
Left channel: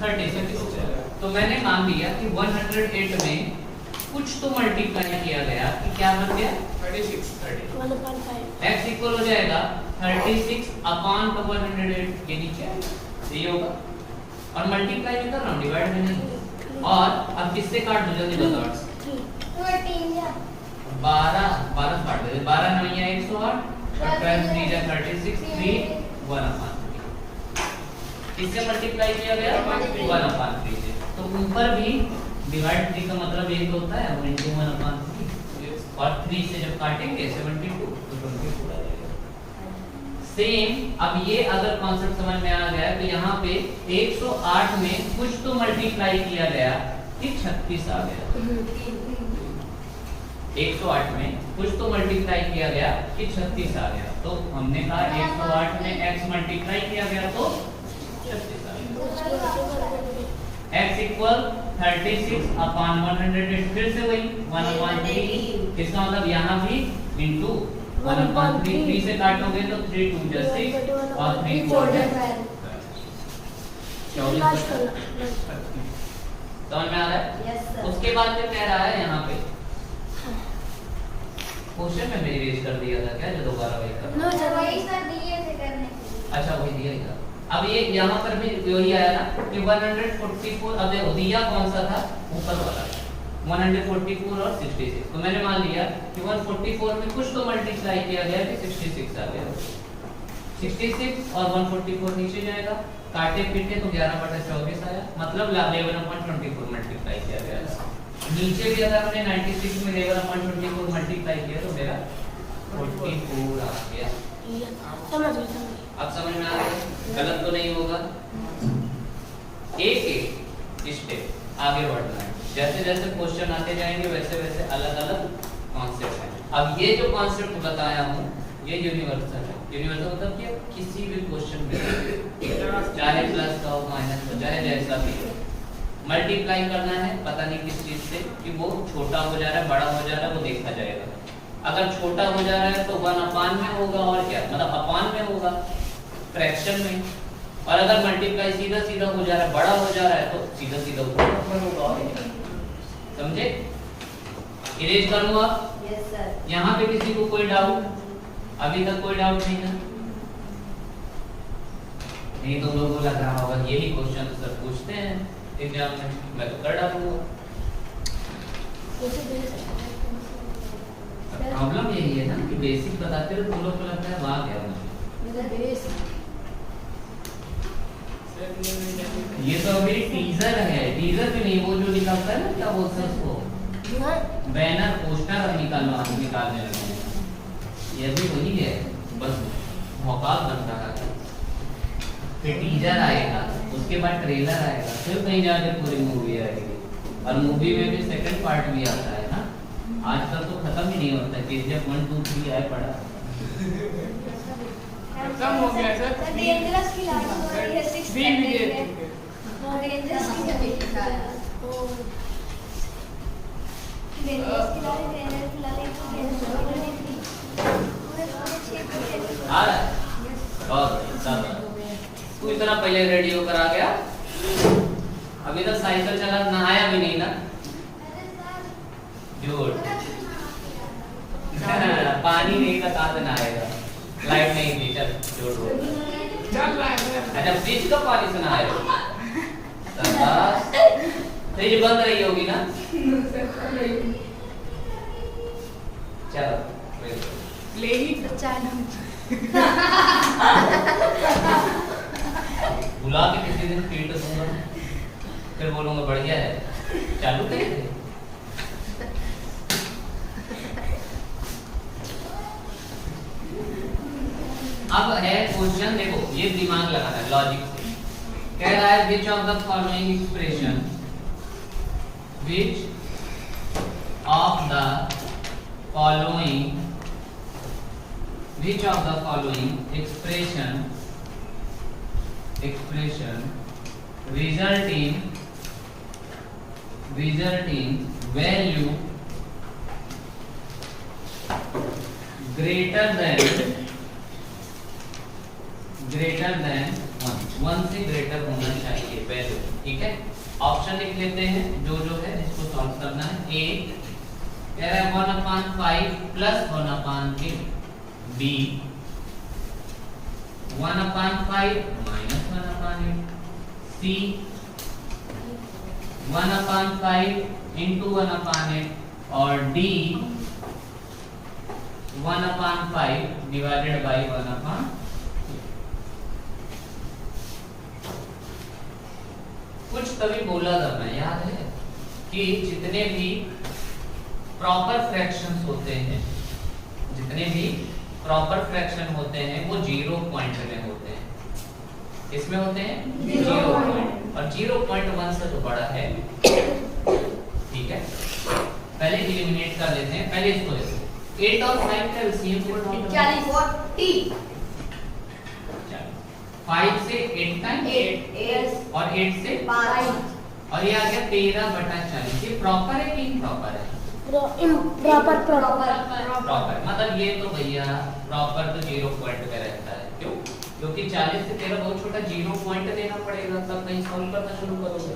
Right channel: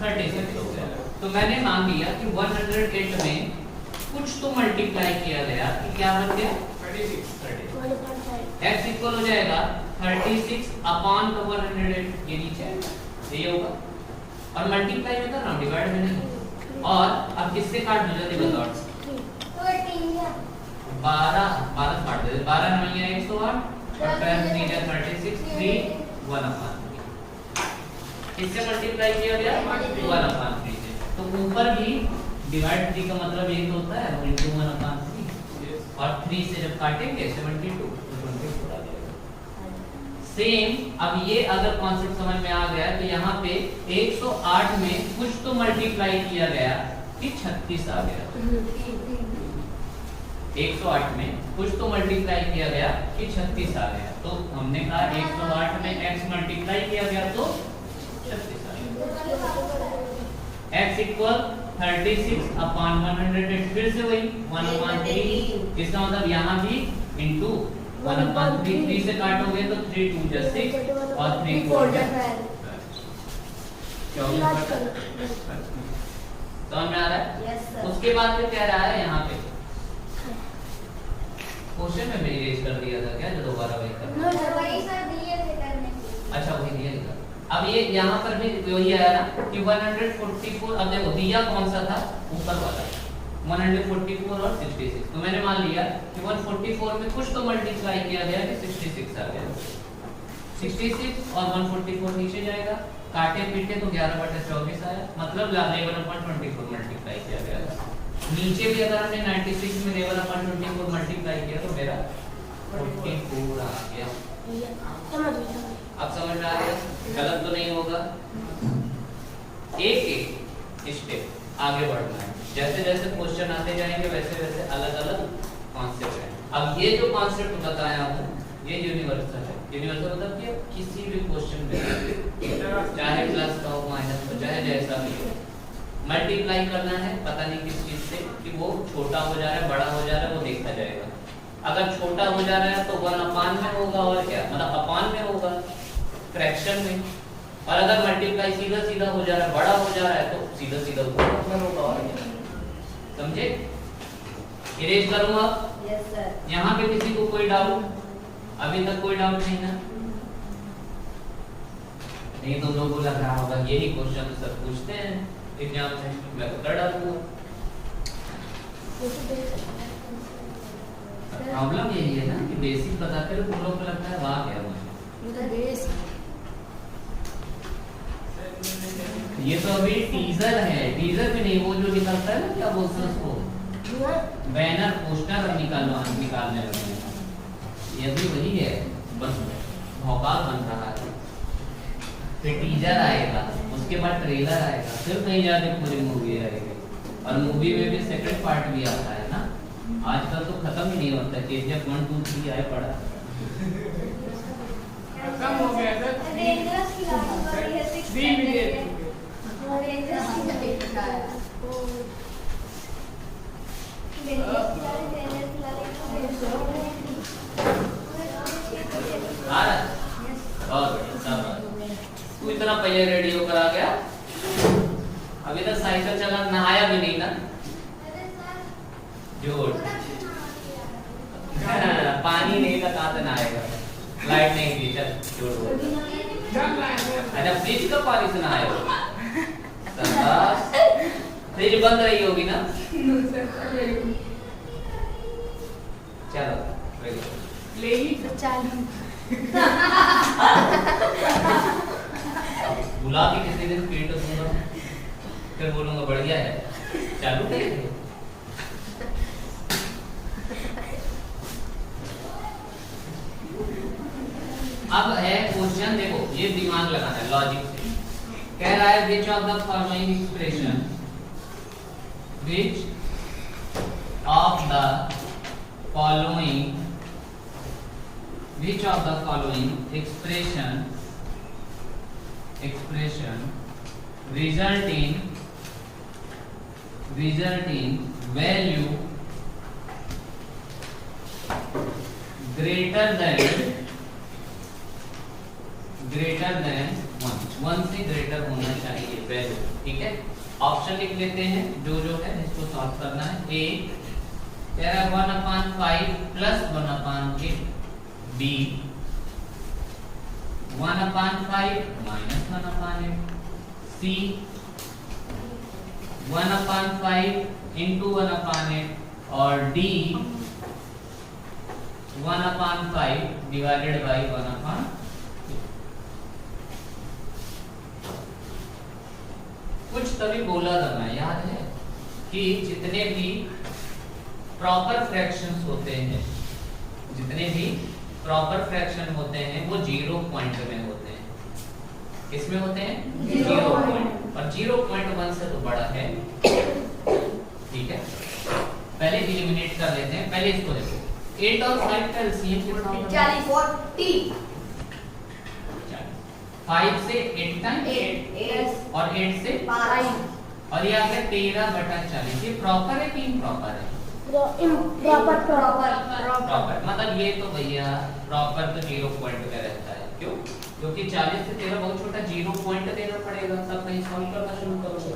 36 हो गया। तो मैंने मान लिया कि 108 में कुछ तो मल्टीप्लाई किया गया कि क्या बन गया? 36। x इक्वल हो जाएगा 36/108। ये नीचे ये होगा और मल्टीप्लाई में कर रहा हूँ, डिवाइड में नहीं। और अब किससे काट दो? जल्दी बताओ। 12 काट दे। 12 9 या 108 36 3 1/3। इससे मल्टीप्लाई किया गया 1/3 से। तो ऊपर भी डिवाइड 3 का मतलब एक होता है 1/3 और 3 से जब काटेंगे 72 तो 24 आ जाएगा। सेम अब ये अगर कॉन्सेप्ट समझ में आ गया तो यहाँ पे 108 में कुछ तो मल्टीप्लाई किया गया कि 36 आ गया। 108 में कुछ तो मल्टीप्लाई किया गया कि 36 आ गया। तो हमने कहा 108 में x मल्टीप्लाई किया गया तो 36 आ गया। x equal 36/108। फिर से वही 1/3। इसका मतलब यहाँ भी इंटू 1/3। 3 से काटोगे तो 3 2 जा 6 और 3 4 जा 24। समझ में आ रहा है? उसके बाद में कह रहा है यहाँ पे क्वेश्चन में मैंने रेज कर दिया था क्या, जो दोबारा वही करना? अच्छा वही दिया था। अब ये यहाँ पर भी वही आया ना कि 144। अब देखो दिया कौन सा था? ऊपर वाला 144 और 66। तो मैंने मान लिया कि 144 में कुछ तो मल्टीप्लाई किया गया कि 66 आ गया। 66 और 144 नीचे जाएगा, काटे पीटे तो 11/24 आया, मतलब 11/24 मल्टीप्लाई किया गया। नीचे भी अगर हमने 96 में 11/24 मल्टीप्लाई किया तो मेरा 44 आ गया। अब समझ में आ गया? गलत तो नहीं होगा। एक स्टेप आगे बढ़ना है। जैसे जैसे क्वेश्चन आते जाएंगे वैसे वैसे अलग अलग कॉन्सेप्ट है। अब ये जो कॉन्सेप्ट बताया हूँ ये यूनिवर्सल है। यूनिवर्सल मतलब कि किसी भी क्वेश्चन में चाहे प्लस का हो माइनस का चाहे जैसा भी हो मल्टीप्लाई करना है, पता नहीं किस चीज से कि वो छोटा हो जा रहा है बड़ा हो जा रहा है वो देखा जाएगा। अगर छोटा हो जा रहा है तो 1 अपान में होगा और क्या मतलब अपान में होगा फ्रैक्शन में, और अगर मल्टीप्लाई सीधा सीधा हो जा रहा है बड़ा हो जा रहा है तो सीधा सीधा ऊपर होगा। समझे? इरेज करूंगा। Yes sir. यहाँ पे किसी को कोई डाउट? अभी तक कोई डाउट नहीं है? नहीं तो लोगों को लग रहा होगा ये भी क्वेश्चन सर पूछते हैं एग्जाम में, मैं तो कर डालूंगा। प्रॉब्लम यही है ना कि बेसिक बताते हुए तुम लोग को लगता है वाह क्या ये तो अभी टीजर है। टीजर भी नहीं, वो जो निकलता है ना क्या बोलते हैं उसको, बैनर पोस्टर अब निकालने लगे हैं। ये भी वही है, बस भौकाल बन रहा है। फिर टीजर आएगा, उसके बाद ट्रेलर आएगा, फिर कहीं जाके पूरी मूवी आएगी, और मूवी में भी सेकंड पार्ट भी आता है ना। आजकल तो खत्म ही नहीं होता, जब 1 2 3 आए पड़ा खत्म हो गया सर। डेंजरस की लड़ाई है 6 3 भी है। डेंजरस की लड़ाई है। आ रहा है। और तू इतना पहले रेडी होकर आ गया, अभी तक साइकिल चला नहाया भी नहीं ना। झूठ। पानी नहीं था कहाँ से नहाएगा, लाइट नहीं थी। चल झूठ बोल। चल रहा है सर। अच्छा फ्रिज का पानी से नहाएगा? फ्रिज बंद रही होगी ना। चलो ले ही बुला के किसी दिन पीट दूंगा, फिर बोलूंगा बढ़िया है, चालू करेंगे। अब है क्वेश्चन, देखो ये दिमाग लगाना है लॉजिक से। कह रहा है which of the following expression, which of the following, which of the following expression result in value greater than 1 से ग्रेटर होना चाहिए वैल्यू। ठीक है, ऑप्शन लिख लेते हैं जो है इसको सॉल्व करना है। ए कह रहा है 1/5 plus 1/8 B 1/5 minus 1/8 C 1/5 into 1/8 और D 1/5 divided by 1/8। कुछ तभी बोला करना याद है कि जितने भी प्रॉपर फ्रैक्शंस होते हैं, जितने भी प्रॉपर फ्रैक्शन होते हैं वो 0 पॉइंट में होते हैं। किसमें होते हैं? 0 पॉइंट, और 0.1 से तो बड़ा है। ठीक है, पहले एलिमिनेट कर लेते हैं। पहले इसको देखो, 8 और 5 का एलसीएम कितना होता है? 40 5 से 8 टाइम 8 और 8 से 5 और ये आ गया 13/40। ये प्रॉपर है कि इम्प्रॉपर है? प्रॉपर प्रॉपर मतलब ये तो भैया प्रॉपर तो 0 पॉइंट का रहता है। क्यों? क्योंकि 40 से 13 बहुत छोटा, 0 पॉइंट देना पड़ेगा तब कहीं सॉल्व करना शुरू करोगे।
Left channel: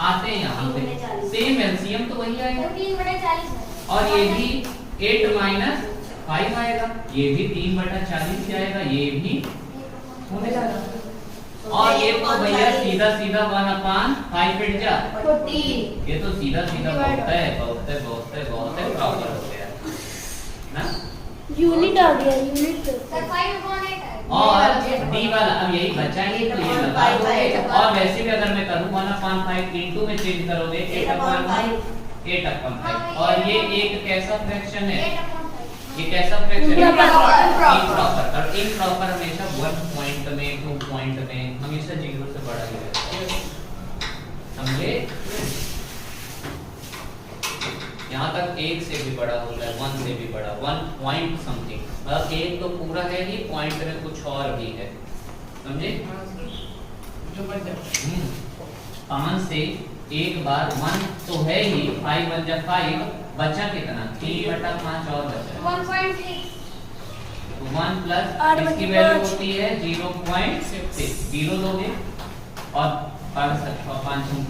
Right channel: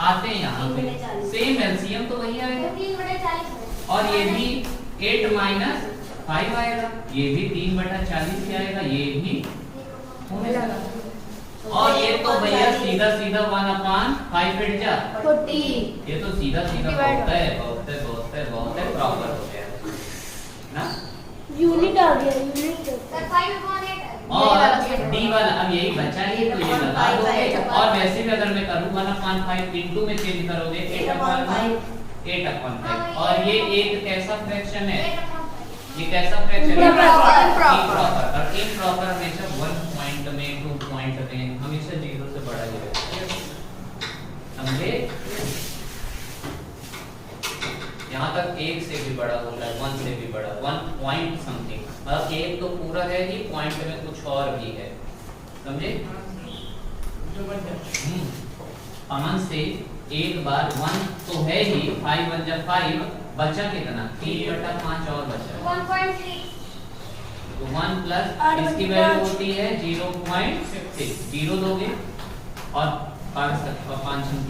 आते हैं यहाँ पे सेम एलसीएम तो वही आएगा, और ये भी 8 माइनस 5 आएगा, ये भी 3/40 ही आएगा, ये भी होने वाला। और ये तो भैया सीधा सीधा 1/5 कट जा 40। ये तो सीधा सीधा बहुत है प्रॉपर हो गया ना। यूनिट आ गया, यूनिट। सर 5/8 है। और डी वाला अब यही बचा ही, तो ये लगा दोगे। और वैसे भी अगर मैं करूं 1/5 इनटू में चेंज करोगे 8/5 और ये एक कैसा फ्रैक्शन है? ये कैसा फ्रैक्शन है? इम्प्रॉपर। और इम्प्रॉपर हमेशा 1 पॉइंट में 2 पॉइंट में हमेशा 0 से बड़ा ही रहता है। समझे? यहाँ तक 1 से भी बड़ा होता है, 1 से भी बड़ा, 1 पॉइंट समथिंग, मतलब 1 तो पूरा है ही, पॉइंट में कुछ और भी है, समझे? 5 से एक बार 1 तो है ही, 5 1 जा 5, बचा कितना? 3/5 और बचा 1.3 तो 1 प्लस इसकी वैल्यू होती है 0.6, 0 लोगे और 5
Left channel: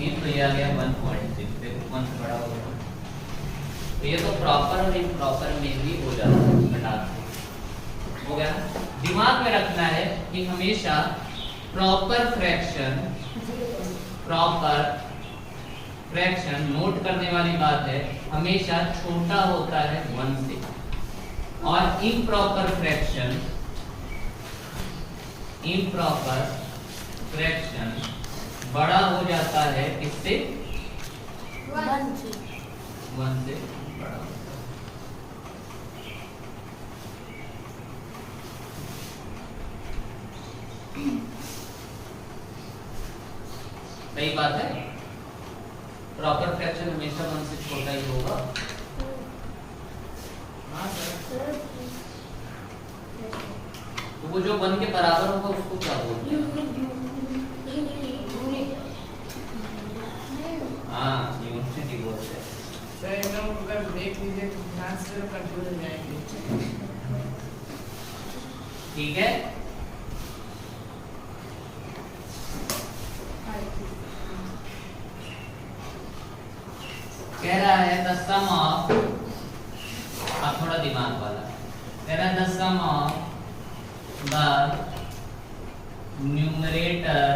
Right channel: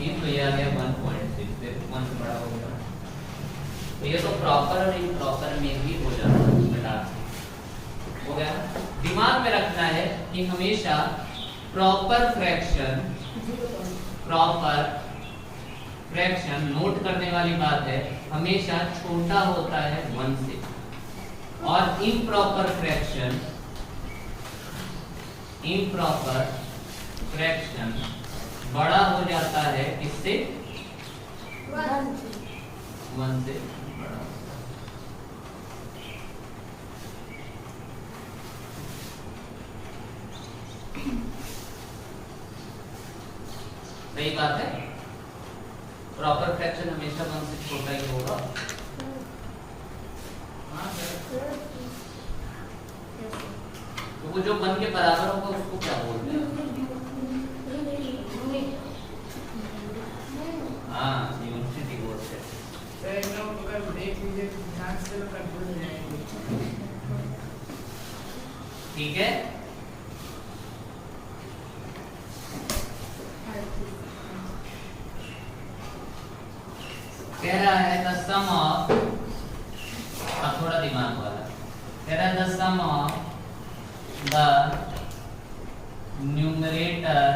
3 तो ये आ गया 1.6, 1 से बड़ा हो गया। तो ये तो प्रॉपर और इम्प्रॉपर में भी हो जाता है, मिला हो गया। दिमाग में रखना है कि हमेशा प्रॉपर फ्रैक्शन नोट करने वाली बात है, हमेशा छोटा होता है 1 से, और इम्प्रॉपर फ्रैक्शन बड़ा हो जाता है इससे 1 से बड़ा। सही बात है, प्रॉपर फ्रैक्शन हमेशा 1 से छोटा ही होगा। तो वो जो 1 के बराबर होगा उसको क्या बोलते हैं? हाँ, यूनिटी बोलते हैं। देख लीजिए ध्यान से तो कंट्रोल हो जाएगी। ठीक है, कह रहा है द सम ऑफ, अब थोड़ा दिमाग वाला, कह रहा है the sum of the numerator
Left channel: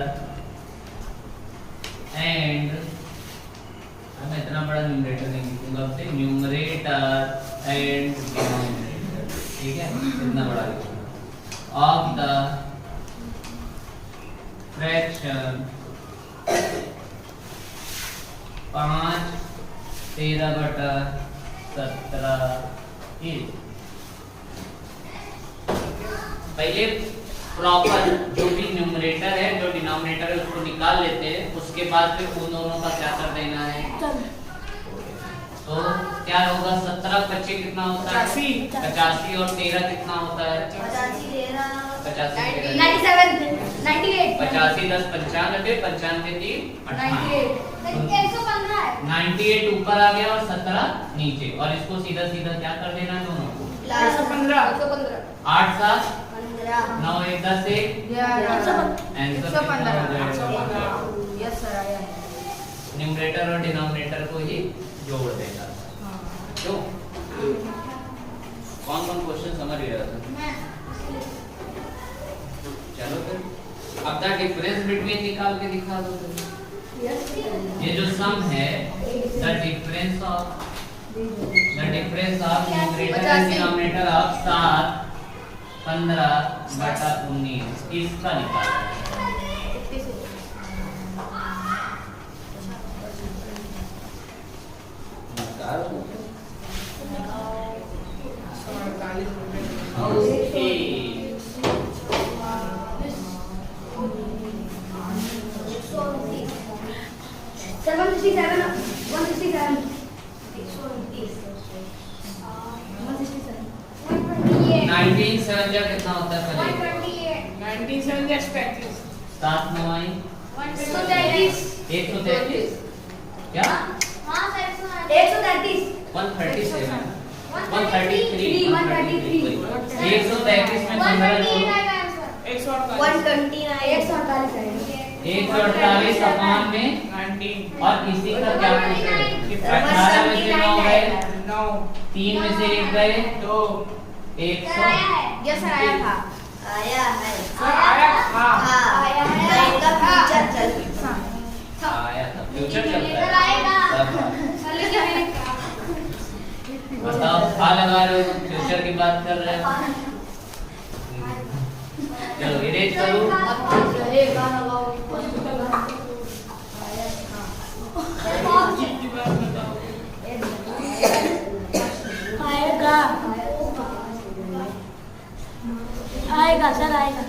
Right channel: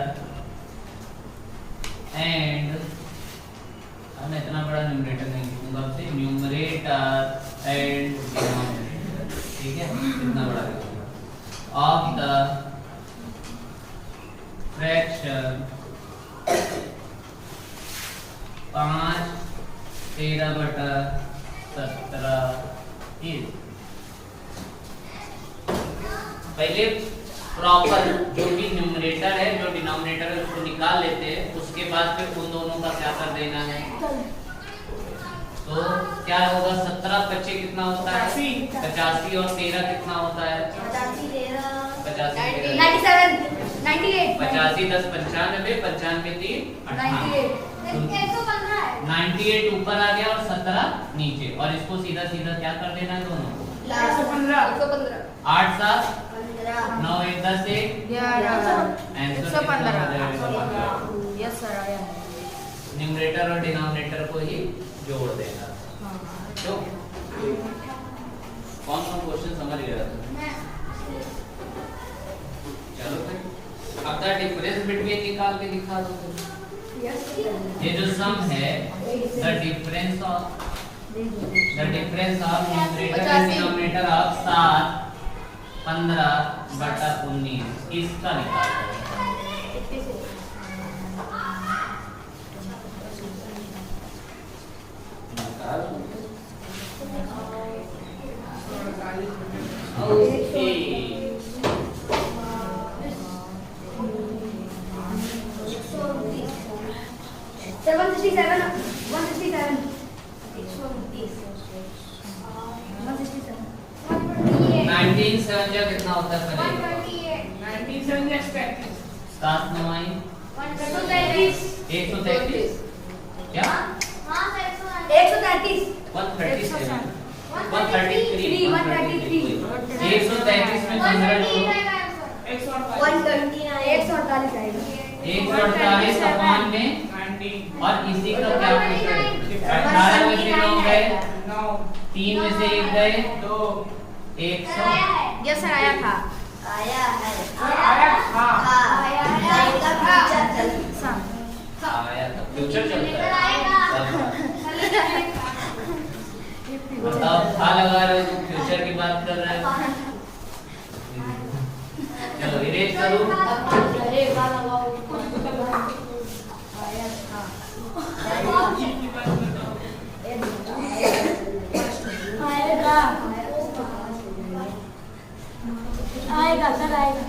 and, मैं इतना बड़ा न्यूमरेटर नहीं लिखूंगा, अब से न्यूमरेटर एंड डिनोमिनेटर, ठीक है, इतना बड़ा लिखूंगा, ऑफ द फ्रैक्शन 5 13/17 इज, पहले प्रॉपर जो भी न्यूमरेटर है जो डिनोमिनेटर है उसको निकाल लेते हैं, उसके बाद फिर उन दोनों का क्या कर देना है। तो क्या होगा, 17 बच्चे कितना होता है? 85 और 13 कितना होता है? 85 10 95 3 98 ऊपर आ गया और 17 नीचे, और इसको सीधा सीधा क्या कर देना है दोनों को? 8 7 9 1 10 न्यूमरेटर और डिनोमिनेटर को ही जोड़ देना। तो कौन क्वेश्चन समझ गया था? चलो फिर अब द डिफरेंस बिटवीन निकाल के दिखा दो तुम। ये जो सम है, the difference of numerator and denominator of 7 15/19 इसका निकालना है। कितना होता है? 7 9 133 क्या? 133 133 133 में 148 अपान में 19, और इसी का क्या पूछ रहे हैं? 18 में से 9 गए, 3 में से 1 गए, 2 100। यस सर, आया था। आया है। फ्यूचर चलता है। बताओ, था लगा रहे हो, फ्यूचर की बात कर रहे हो। चलो इरेज करो। आएगा सर, आएगा।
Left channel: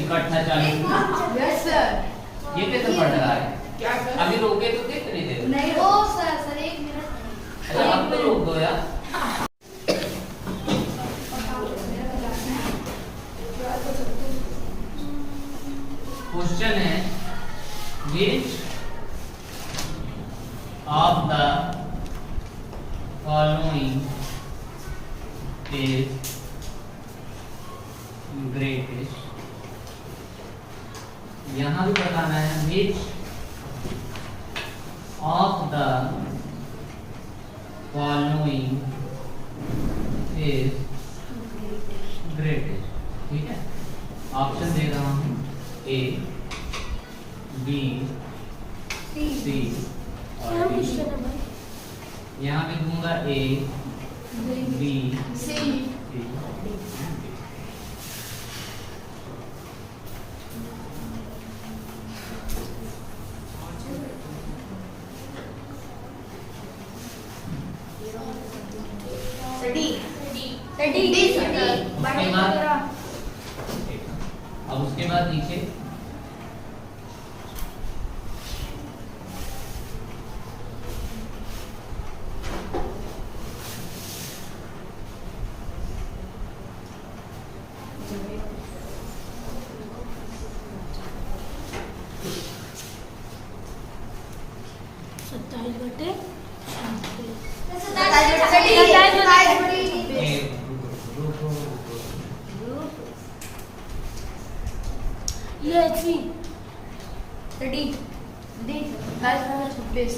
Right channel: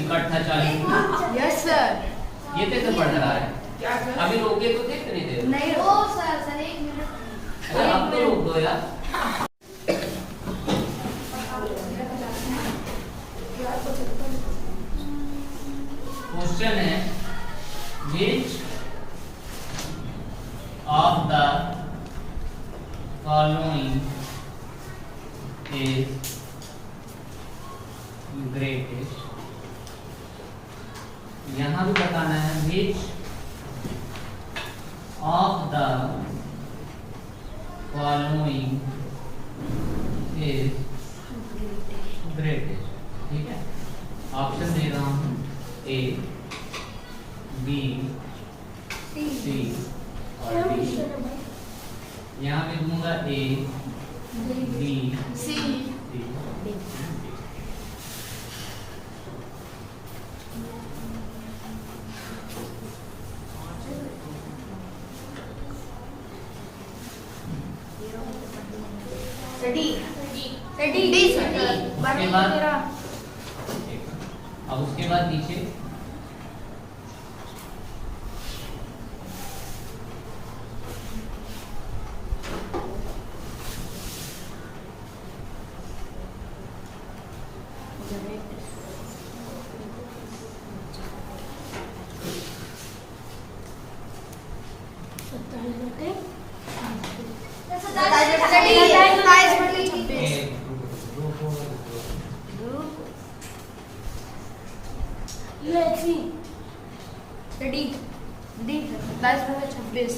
इकट्ठा 40। तेजी से बढ़ रहा है। क्या सर? अभी रोके तो थे इतनी देर। नहीं ओ सर एक मिनट अरे अब तो रोक दो यार। क्वेश्चन है which of the following is greatest। यहाँ भी बताना है which of the following is greatest। ठीक है, ऑप्शन दे रहा हूँ ए, बी, सी और डी। यहाँ पे दूंगा ए, बी, सी। रेडी रेडी उसके बाद अब उसके बाद नीचे रेडी डी बस 26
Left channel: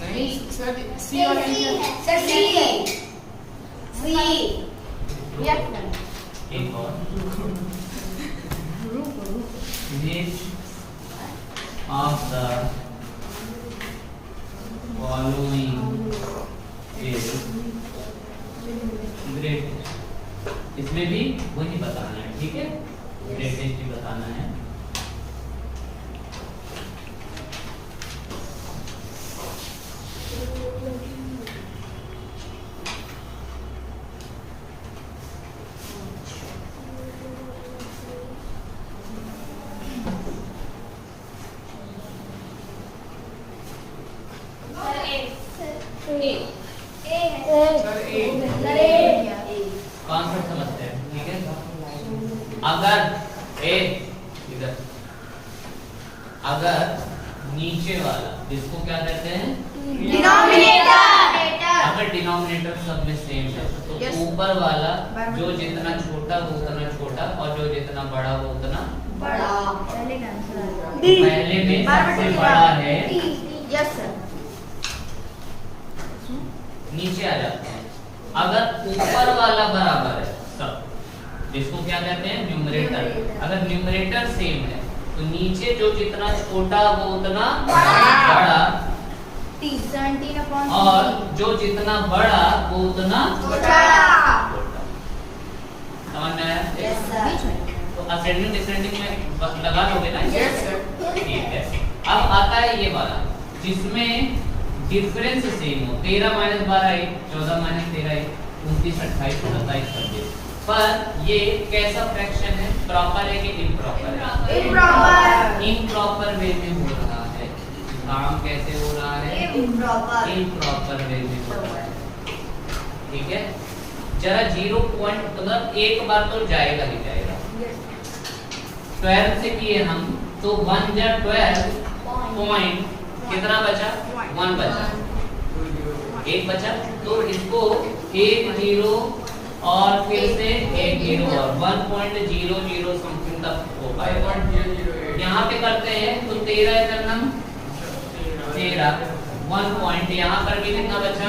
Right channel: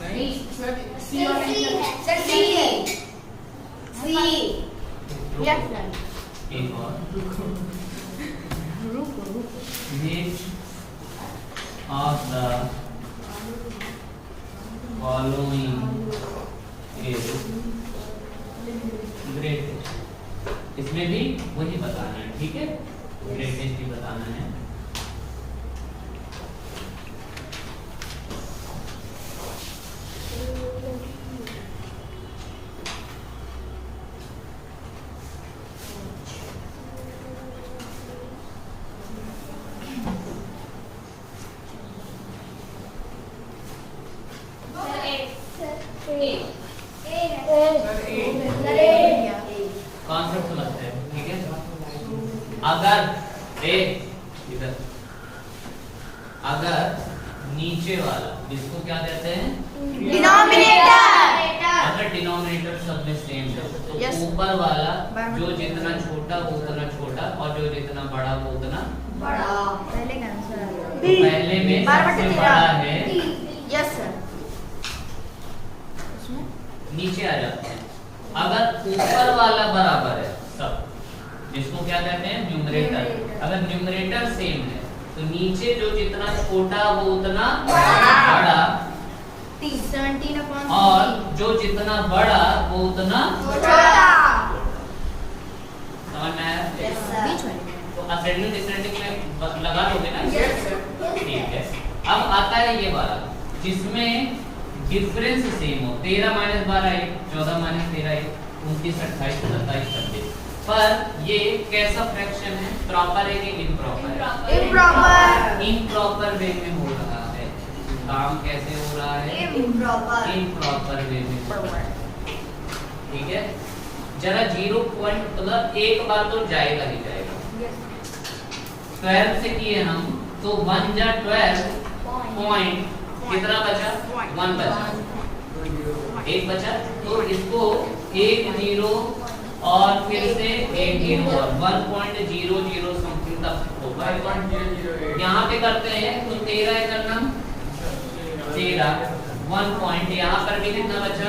नहीं सर, सी और डी है। सर सी एक और which of the following is greatest। इसमें भी वही बताना है, ठीक है, ग्रेटेस्ट ही बताना है। सर ए। कॉन्सेप्ट समझते हैं, ठीक है। अगर ए इधर, अगर नीचे वाला जिसको क्या कहते हैं, अगर डिनोमिनेटर सब में सेम है तो ऊपर वाला जो जितना छोटा वो उतना छोटा और जो जितना बड़ा वो उतना बड़ा पहले का आंसर पहले में सबसे बड़ा है, यस सर नीचे आ जाते हैं। अगर ऊपर वाला बराबर है सब, जिसको क्या कहते हैं, न्यूमरेटर। अगर न्यूमरेटर सेम है तो नीचे जो जितना छोटा वो उतना बड़ा 17 और जो जितना बड़ा वो उतना छोटा। समझ में आया? यस सर तो असेंडिंग डिसेंडिंग में लगा लोगे ना? Yes sir. ठीक है। अब आता है ये वाला जिसमें डिफरेंस सेम हो, 13 - 12 1, 14 - 13 1, 29 28 27 26। पर ये कैसा फ्रैक्शन है, प्रॉपर है कि इम्प्रॉपर है? इम्प्रॉपर इम्प्रॉपर वे में हो रहा है। काम कैसे हो रहा है? इम्प्रॉपर इम्प्रॉपर वे में हो रहा है। ठीक है, जरा 0 पॉइंट मतलब एक बार तो जाएगा ही जाएगा। 12 से किए हम तो 1 जा 12 पॉइंट कितना बचा? 1 बचा, 1 बचा। तो इसको 1 0 और फिर से 1 0 और 1.00 समथिंग तक होगा। 5.008 यहाँ पे करते हैं तो 13 इधर नम 13 1 पॉइंट, यहाँ पर भी कितना बचा?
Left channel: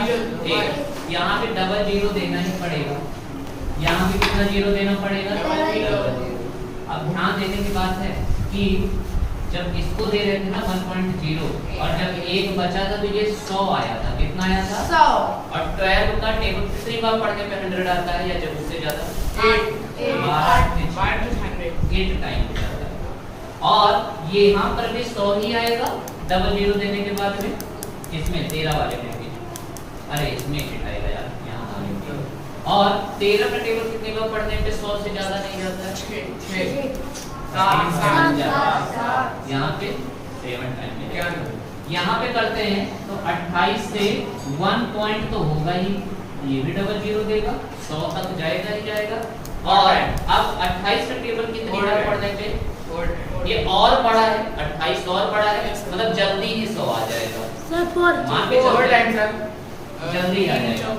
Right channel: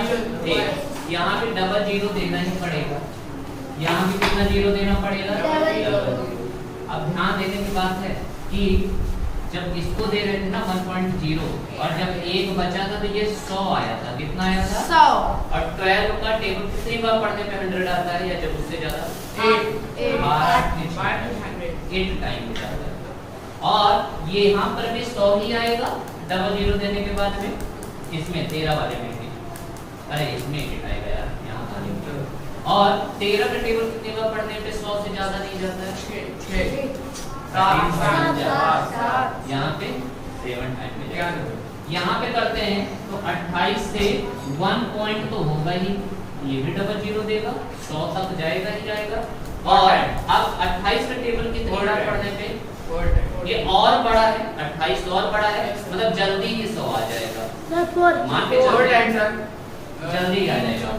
1। यहाँ पे डबल 0 देना ही पड़ेगा। यहाँ पे कितना 0 देना पड़ेगा? डबल 0। अब ध्यान देने की बात है कि जब इसको दे रहे थे ना 1.0 और जब 1 बचा था तो ये 100 आया था। कितना आया था? 100 और 12 का टेबल कितनी बार पढ़ने पे 100 आता है या जब उससे ज्यादा? 8 टाइम हो जाता है। और ये यहाँ पर भी 100 ही आएगा डबल 0 देने के बाद में। इसमें 13 वाले में भी, अरे इसमें 8 आएगा यार यहाँ वाले में। और 13 का टेबल कितनी बार पढ़ने पे 100 से ज्यादा नहीं जाता है? 6। यहाँ पे 7 टाइम मिलेगा। यहाँ पे करते हैं तो 28 से 1 पॉइंट तो होगा ही, ये भी डबल जीरो देगा, 100 तक जाएगा ही जाएगा। और अब 28 का टेबल कितनी बार पढ़ने पे ये और बड़ा है, 28 और बड़ा है, मतलब जल्दी ही 100 आ जाएगा। मान के चलो जल्दी आ जाएगा।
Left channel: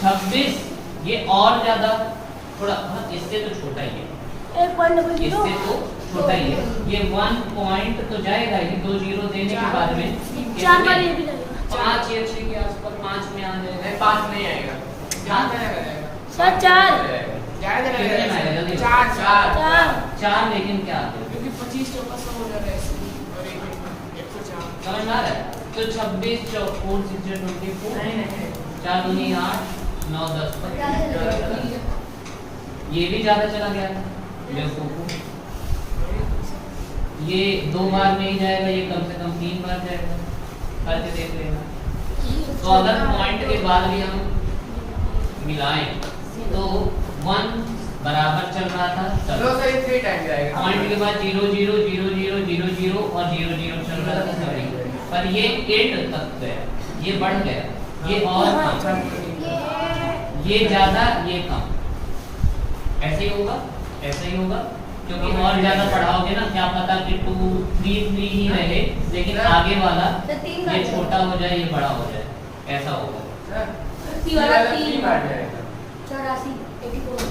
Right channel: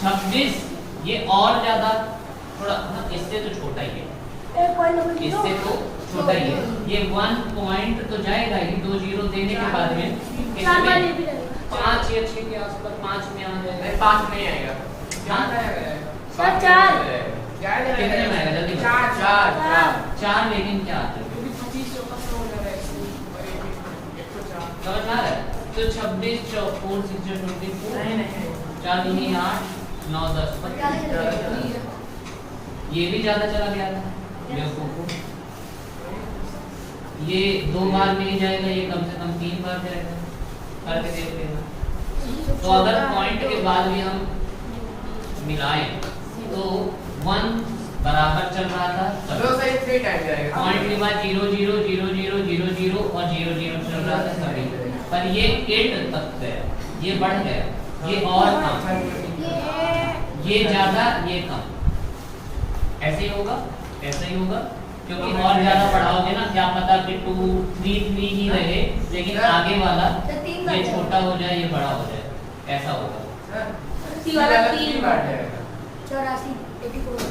26 ये और ज्यादा थोड़ा इससे तो छोटा ही है, इससे तो छोटा ही है, ये 1 पॉइंट तो जाएगा ही, 2 जीरो देने के बाद में इसमें 5 या 6 के आसपास 5 में आ जाएगा। 5 में आएगा। कितने में आएगा जल्दी? 4 लेकिन क्या आते हैं? 25 तो पक्का हो जाएगा इसमें, और एक में 104। समझ में आ रहा है? तो 26 4 6 24 नहीं 4 दूनी 8 9 10 पर ज्यादा चला गया। ये भी ज्यादा चला गया था बेवकूफ। ये 2 बार में ही जाएगा, ये कम से कम 3 बार जाएगा, करके देखते हैं। तो अगर पॉइंट के बाद भी हम मिलाएं तो 1 बराबर चल रहा था, तो सही 3 टाइम जाएगा। पॉइंट के बाद 0 0 0 0 0 0 और 0 0 चल रहा था सभी, पर ये 8 तक गया, ये बढ़ गया, ये और कम, ये ज्यादा ये कम, ऐसे ही होगा, ऐसे ही होगा, क्योंकि और ज्यादा बढ़ाओगे ना, क्या पता कि 2 3 3 ही रहे, लेकिन आगे वाला ये छोटा हो जाए, ये बड़ा हो जाए, ऐसा होगा। 3 बार जाएगा। 84 84।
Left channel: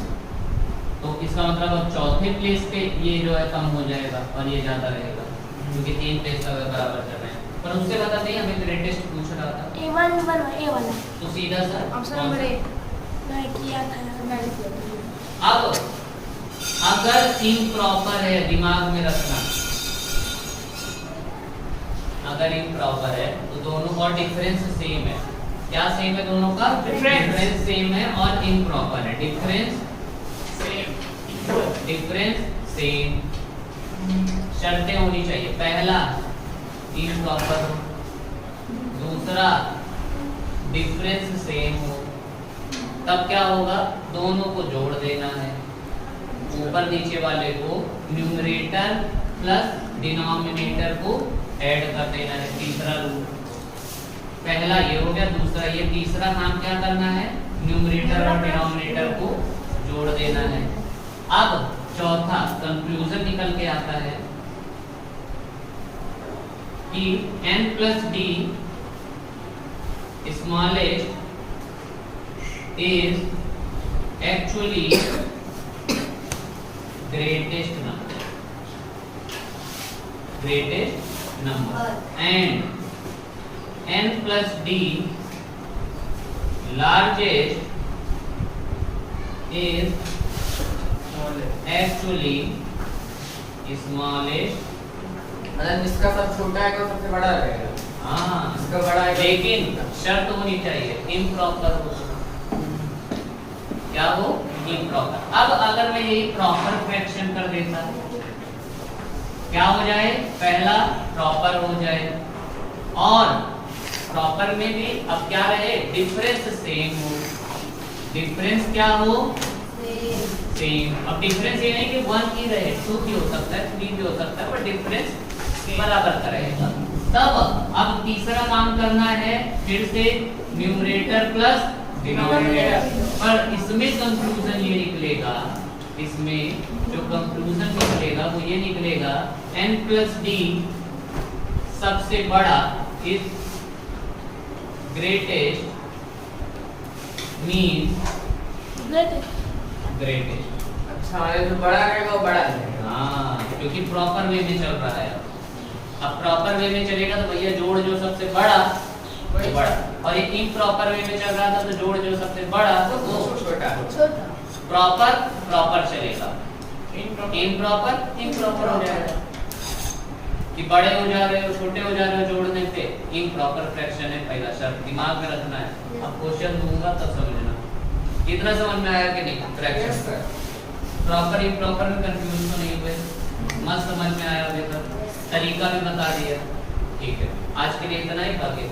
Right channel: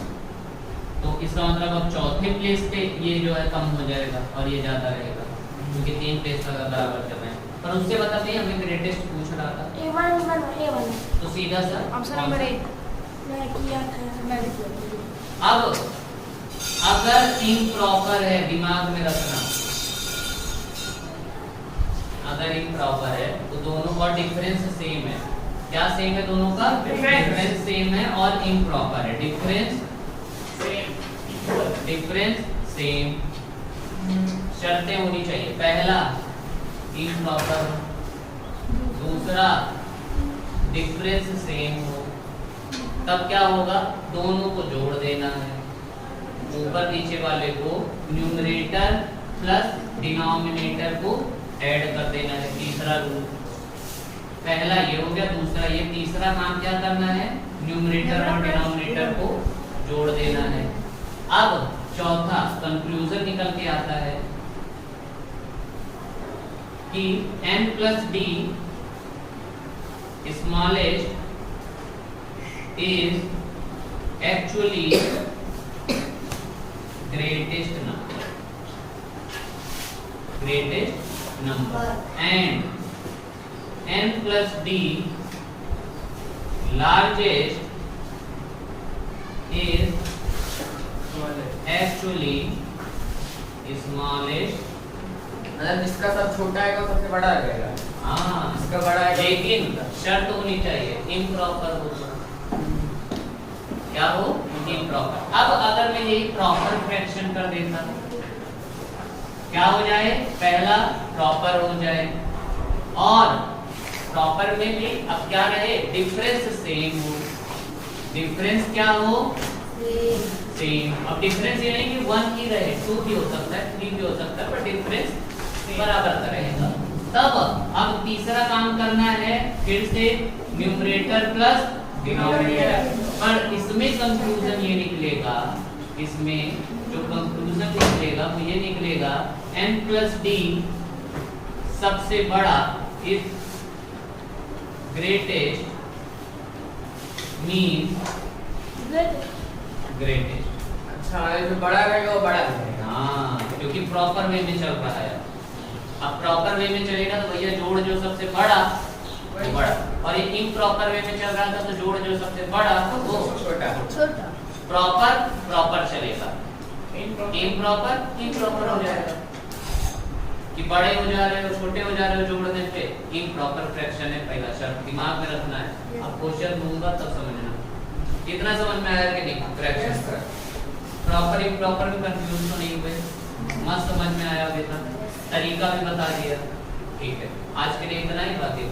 तो इसका मतलब अब चौथे प्लेस पे ये जो है कम हो जाएगा और ये ज्यादा रहेगा, क्योंकि 3 प्लेस अगर बराबर कर रहे हैं। पर उससे पता नहीं, हमें ग्रेटेस्ट पूछ रहा था, A1 तो सीधा सा ऑप्शन नंबर 1 मैं किया था। अब अगर इम्प्रॉपर है, दिमाग में रखना, अगर इम्प्रॉपर है तो दोनों का डिफरेंस सेम है। क्या सेम है दोनों का? डिफरेंस सेम है और इम्प्रॉपर है। डिफरेंस सेम, शर्तें होनी चाहिए। पहला इम्प्रॉपर हो, दूसरा डिफरेंस सेम हो, तब क्या होगा? दोनों को जोड़ देना है, ऊपर नीचे वाले को न्यूमरेटर प्लस डिनोमिनेटर को ऐड कर देना है। तीसरा रूल, पहला ये हो गया, दूसरा ये, तीसरा काम क्या करना है? न्यूमरेटर और डिनोमिनेटर को जोड़ देना है। अब चौथा कंक्लूजन निकल के आता है कि n plus D smallest is actually greatest number and n plus d largest is actually smallest, मतलब जिसका सब छोटा है वो सबसे बड़ा रहेगा। हाँ इसका बड़ा है, लेकिन शर्त होनी चाहिए इम्प्रॉपर हो। क्या हो? इम्प्रॉपर। अब अगर मैं यही प्रॉपर फ्रैक्शन कर देता, क्या हो जाए? पहला प्रॉपर हो जाए, और प्रॉपर में भी अब क्या रहे? डिफरेंस सेम हो। डिफरेंस क्या हो? सेम। अब डिफरेंस ये नहीं कि 1 ही रहे, 2 भी हो सकता है, 3 भी हो सकता है, पर डिफरेंस बराबर का रहेगा। तब अब तीसरा काम करना है, फिर से न्यूमरेटर प्लस डिनोमिनेटर। और इसमें कंक्लूजन ये निकलेगा, इसमें जो कंक्लूजन निकलेगा वो ये निकलेगा, n प्लस डी सबसे बड़ा इज ग्रेटेस्ट मीन्स ग्रेटेस्ट। अच्छा ये जो बड़ा रहेगा वो बड़ा रहेगा। हाँ, क्योंकि प्रॉपर वे में चल रहा है। अब प्रॉपर वे में चलेगा तो भैया जोड़ जो सबसे बड़ा वो बड़ा, और ये इम्प्रॉपर वे में चल रहा था तो जोड़ जो सबसे बड़ा वो छोटा। प्रॉपर चलेगा, इम्प्रॉपर हो जाएगा। कि बड़े हो जा रहे हो, छोटे हो जा रहे हो जोड़ने पे, इम्प्रॉपर फ्रैक्शन है पहला शर्त, दिमाग में रखना है। अब क्वेश्चन दूंगा तब समझना। कितना समझ में आया कि नहीं? फ्रैक्शन प्रॉपर इम्प्रॉपर में कंफ्यूज तो नहीं हुए? मस्त समझ में आया? अभी तक तरीका भी बता दिया। ठीक है, आज के लिए इतना ही, बाकी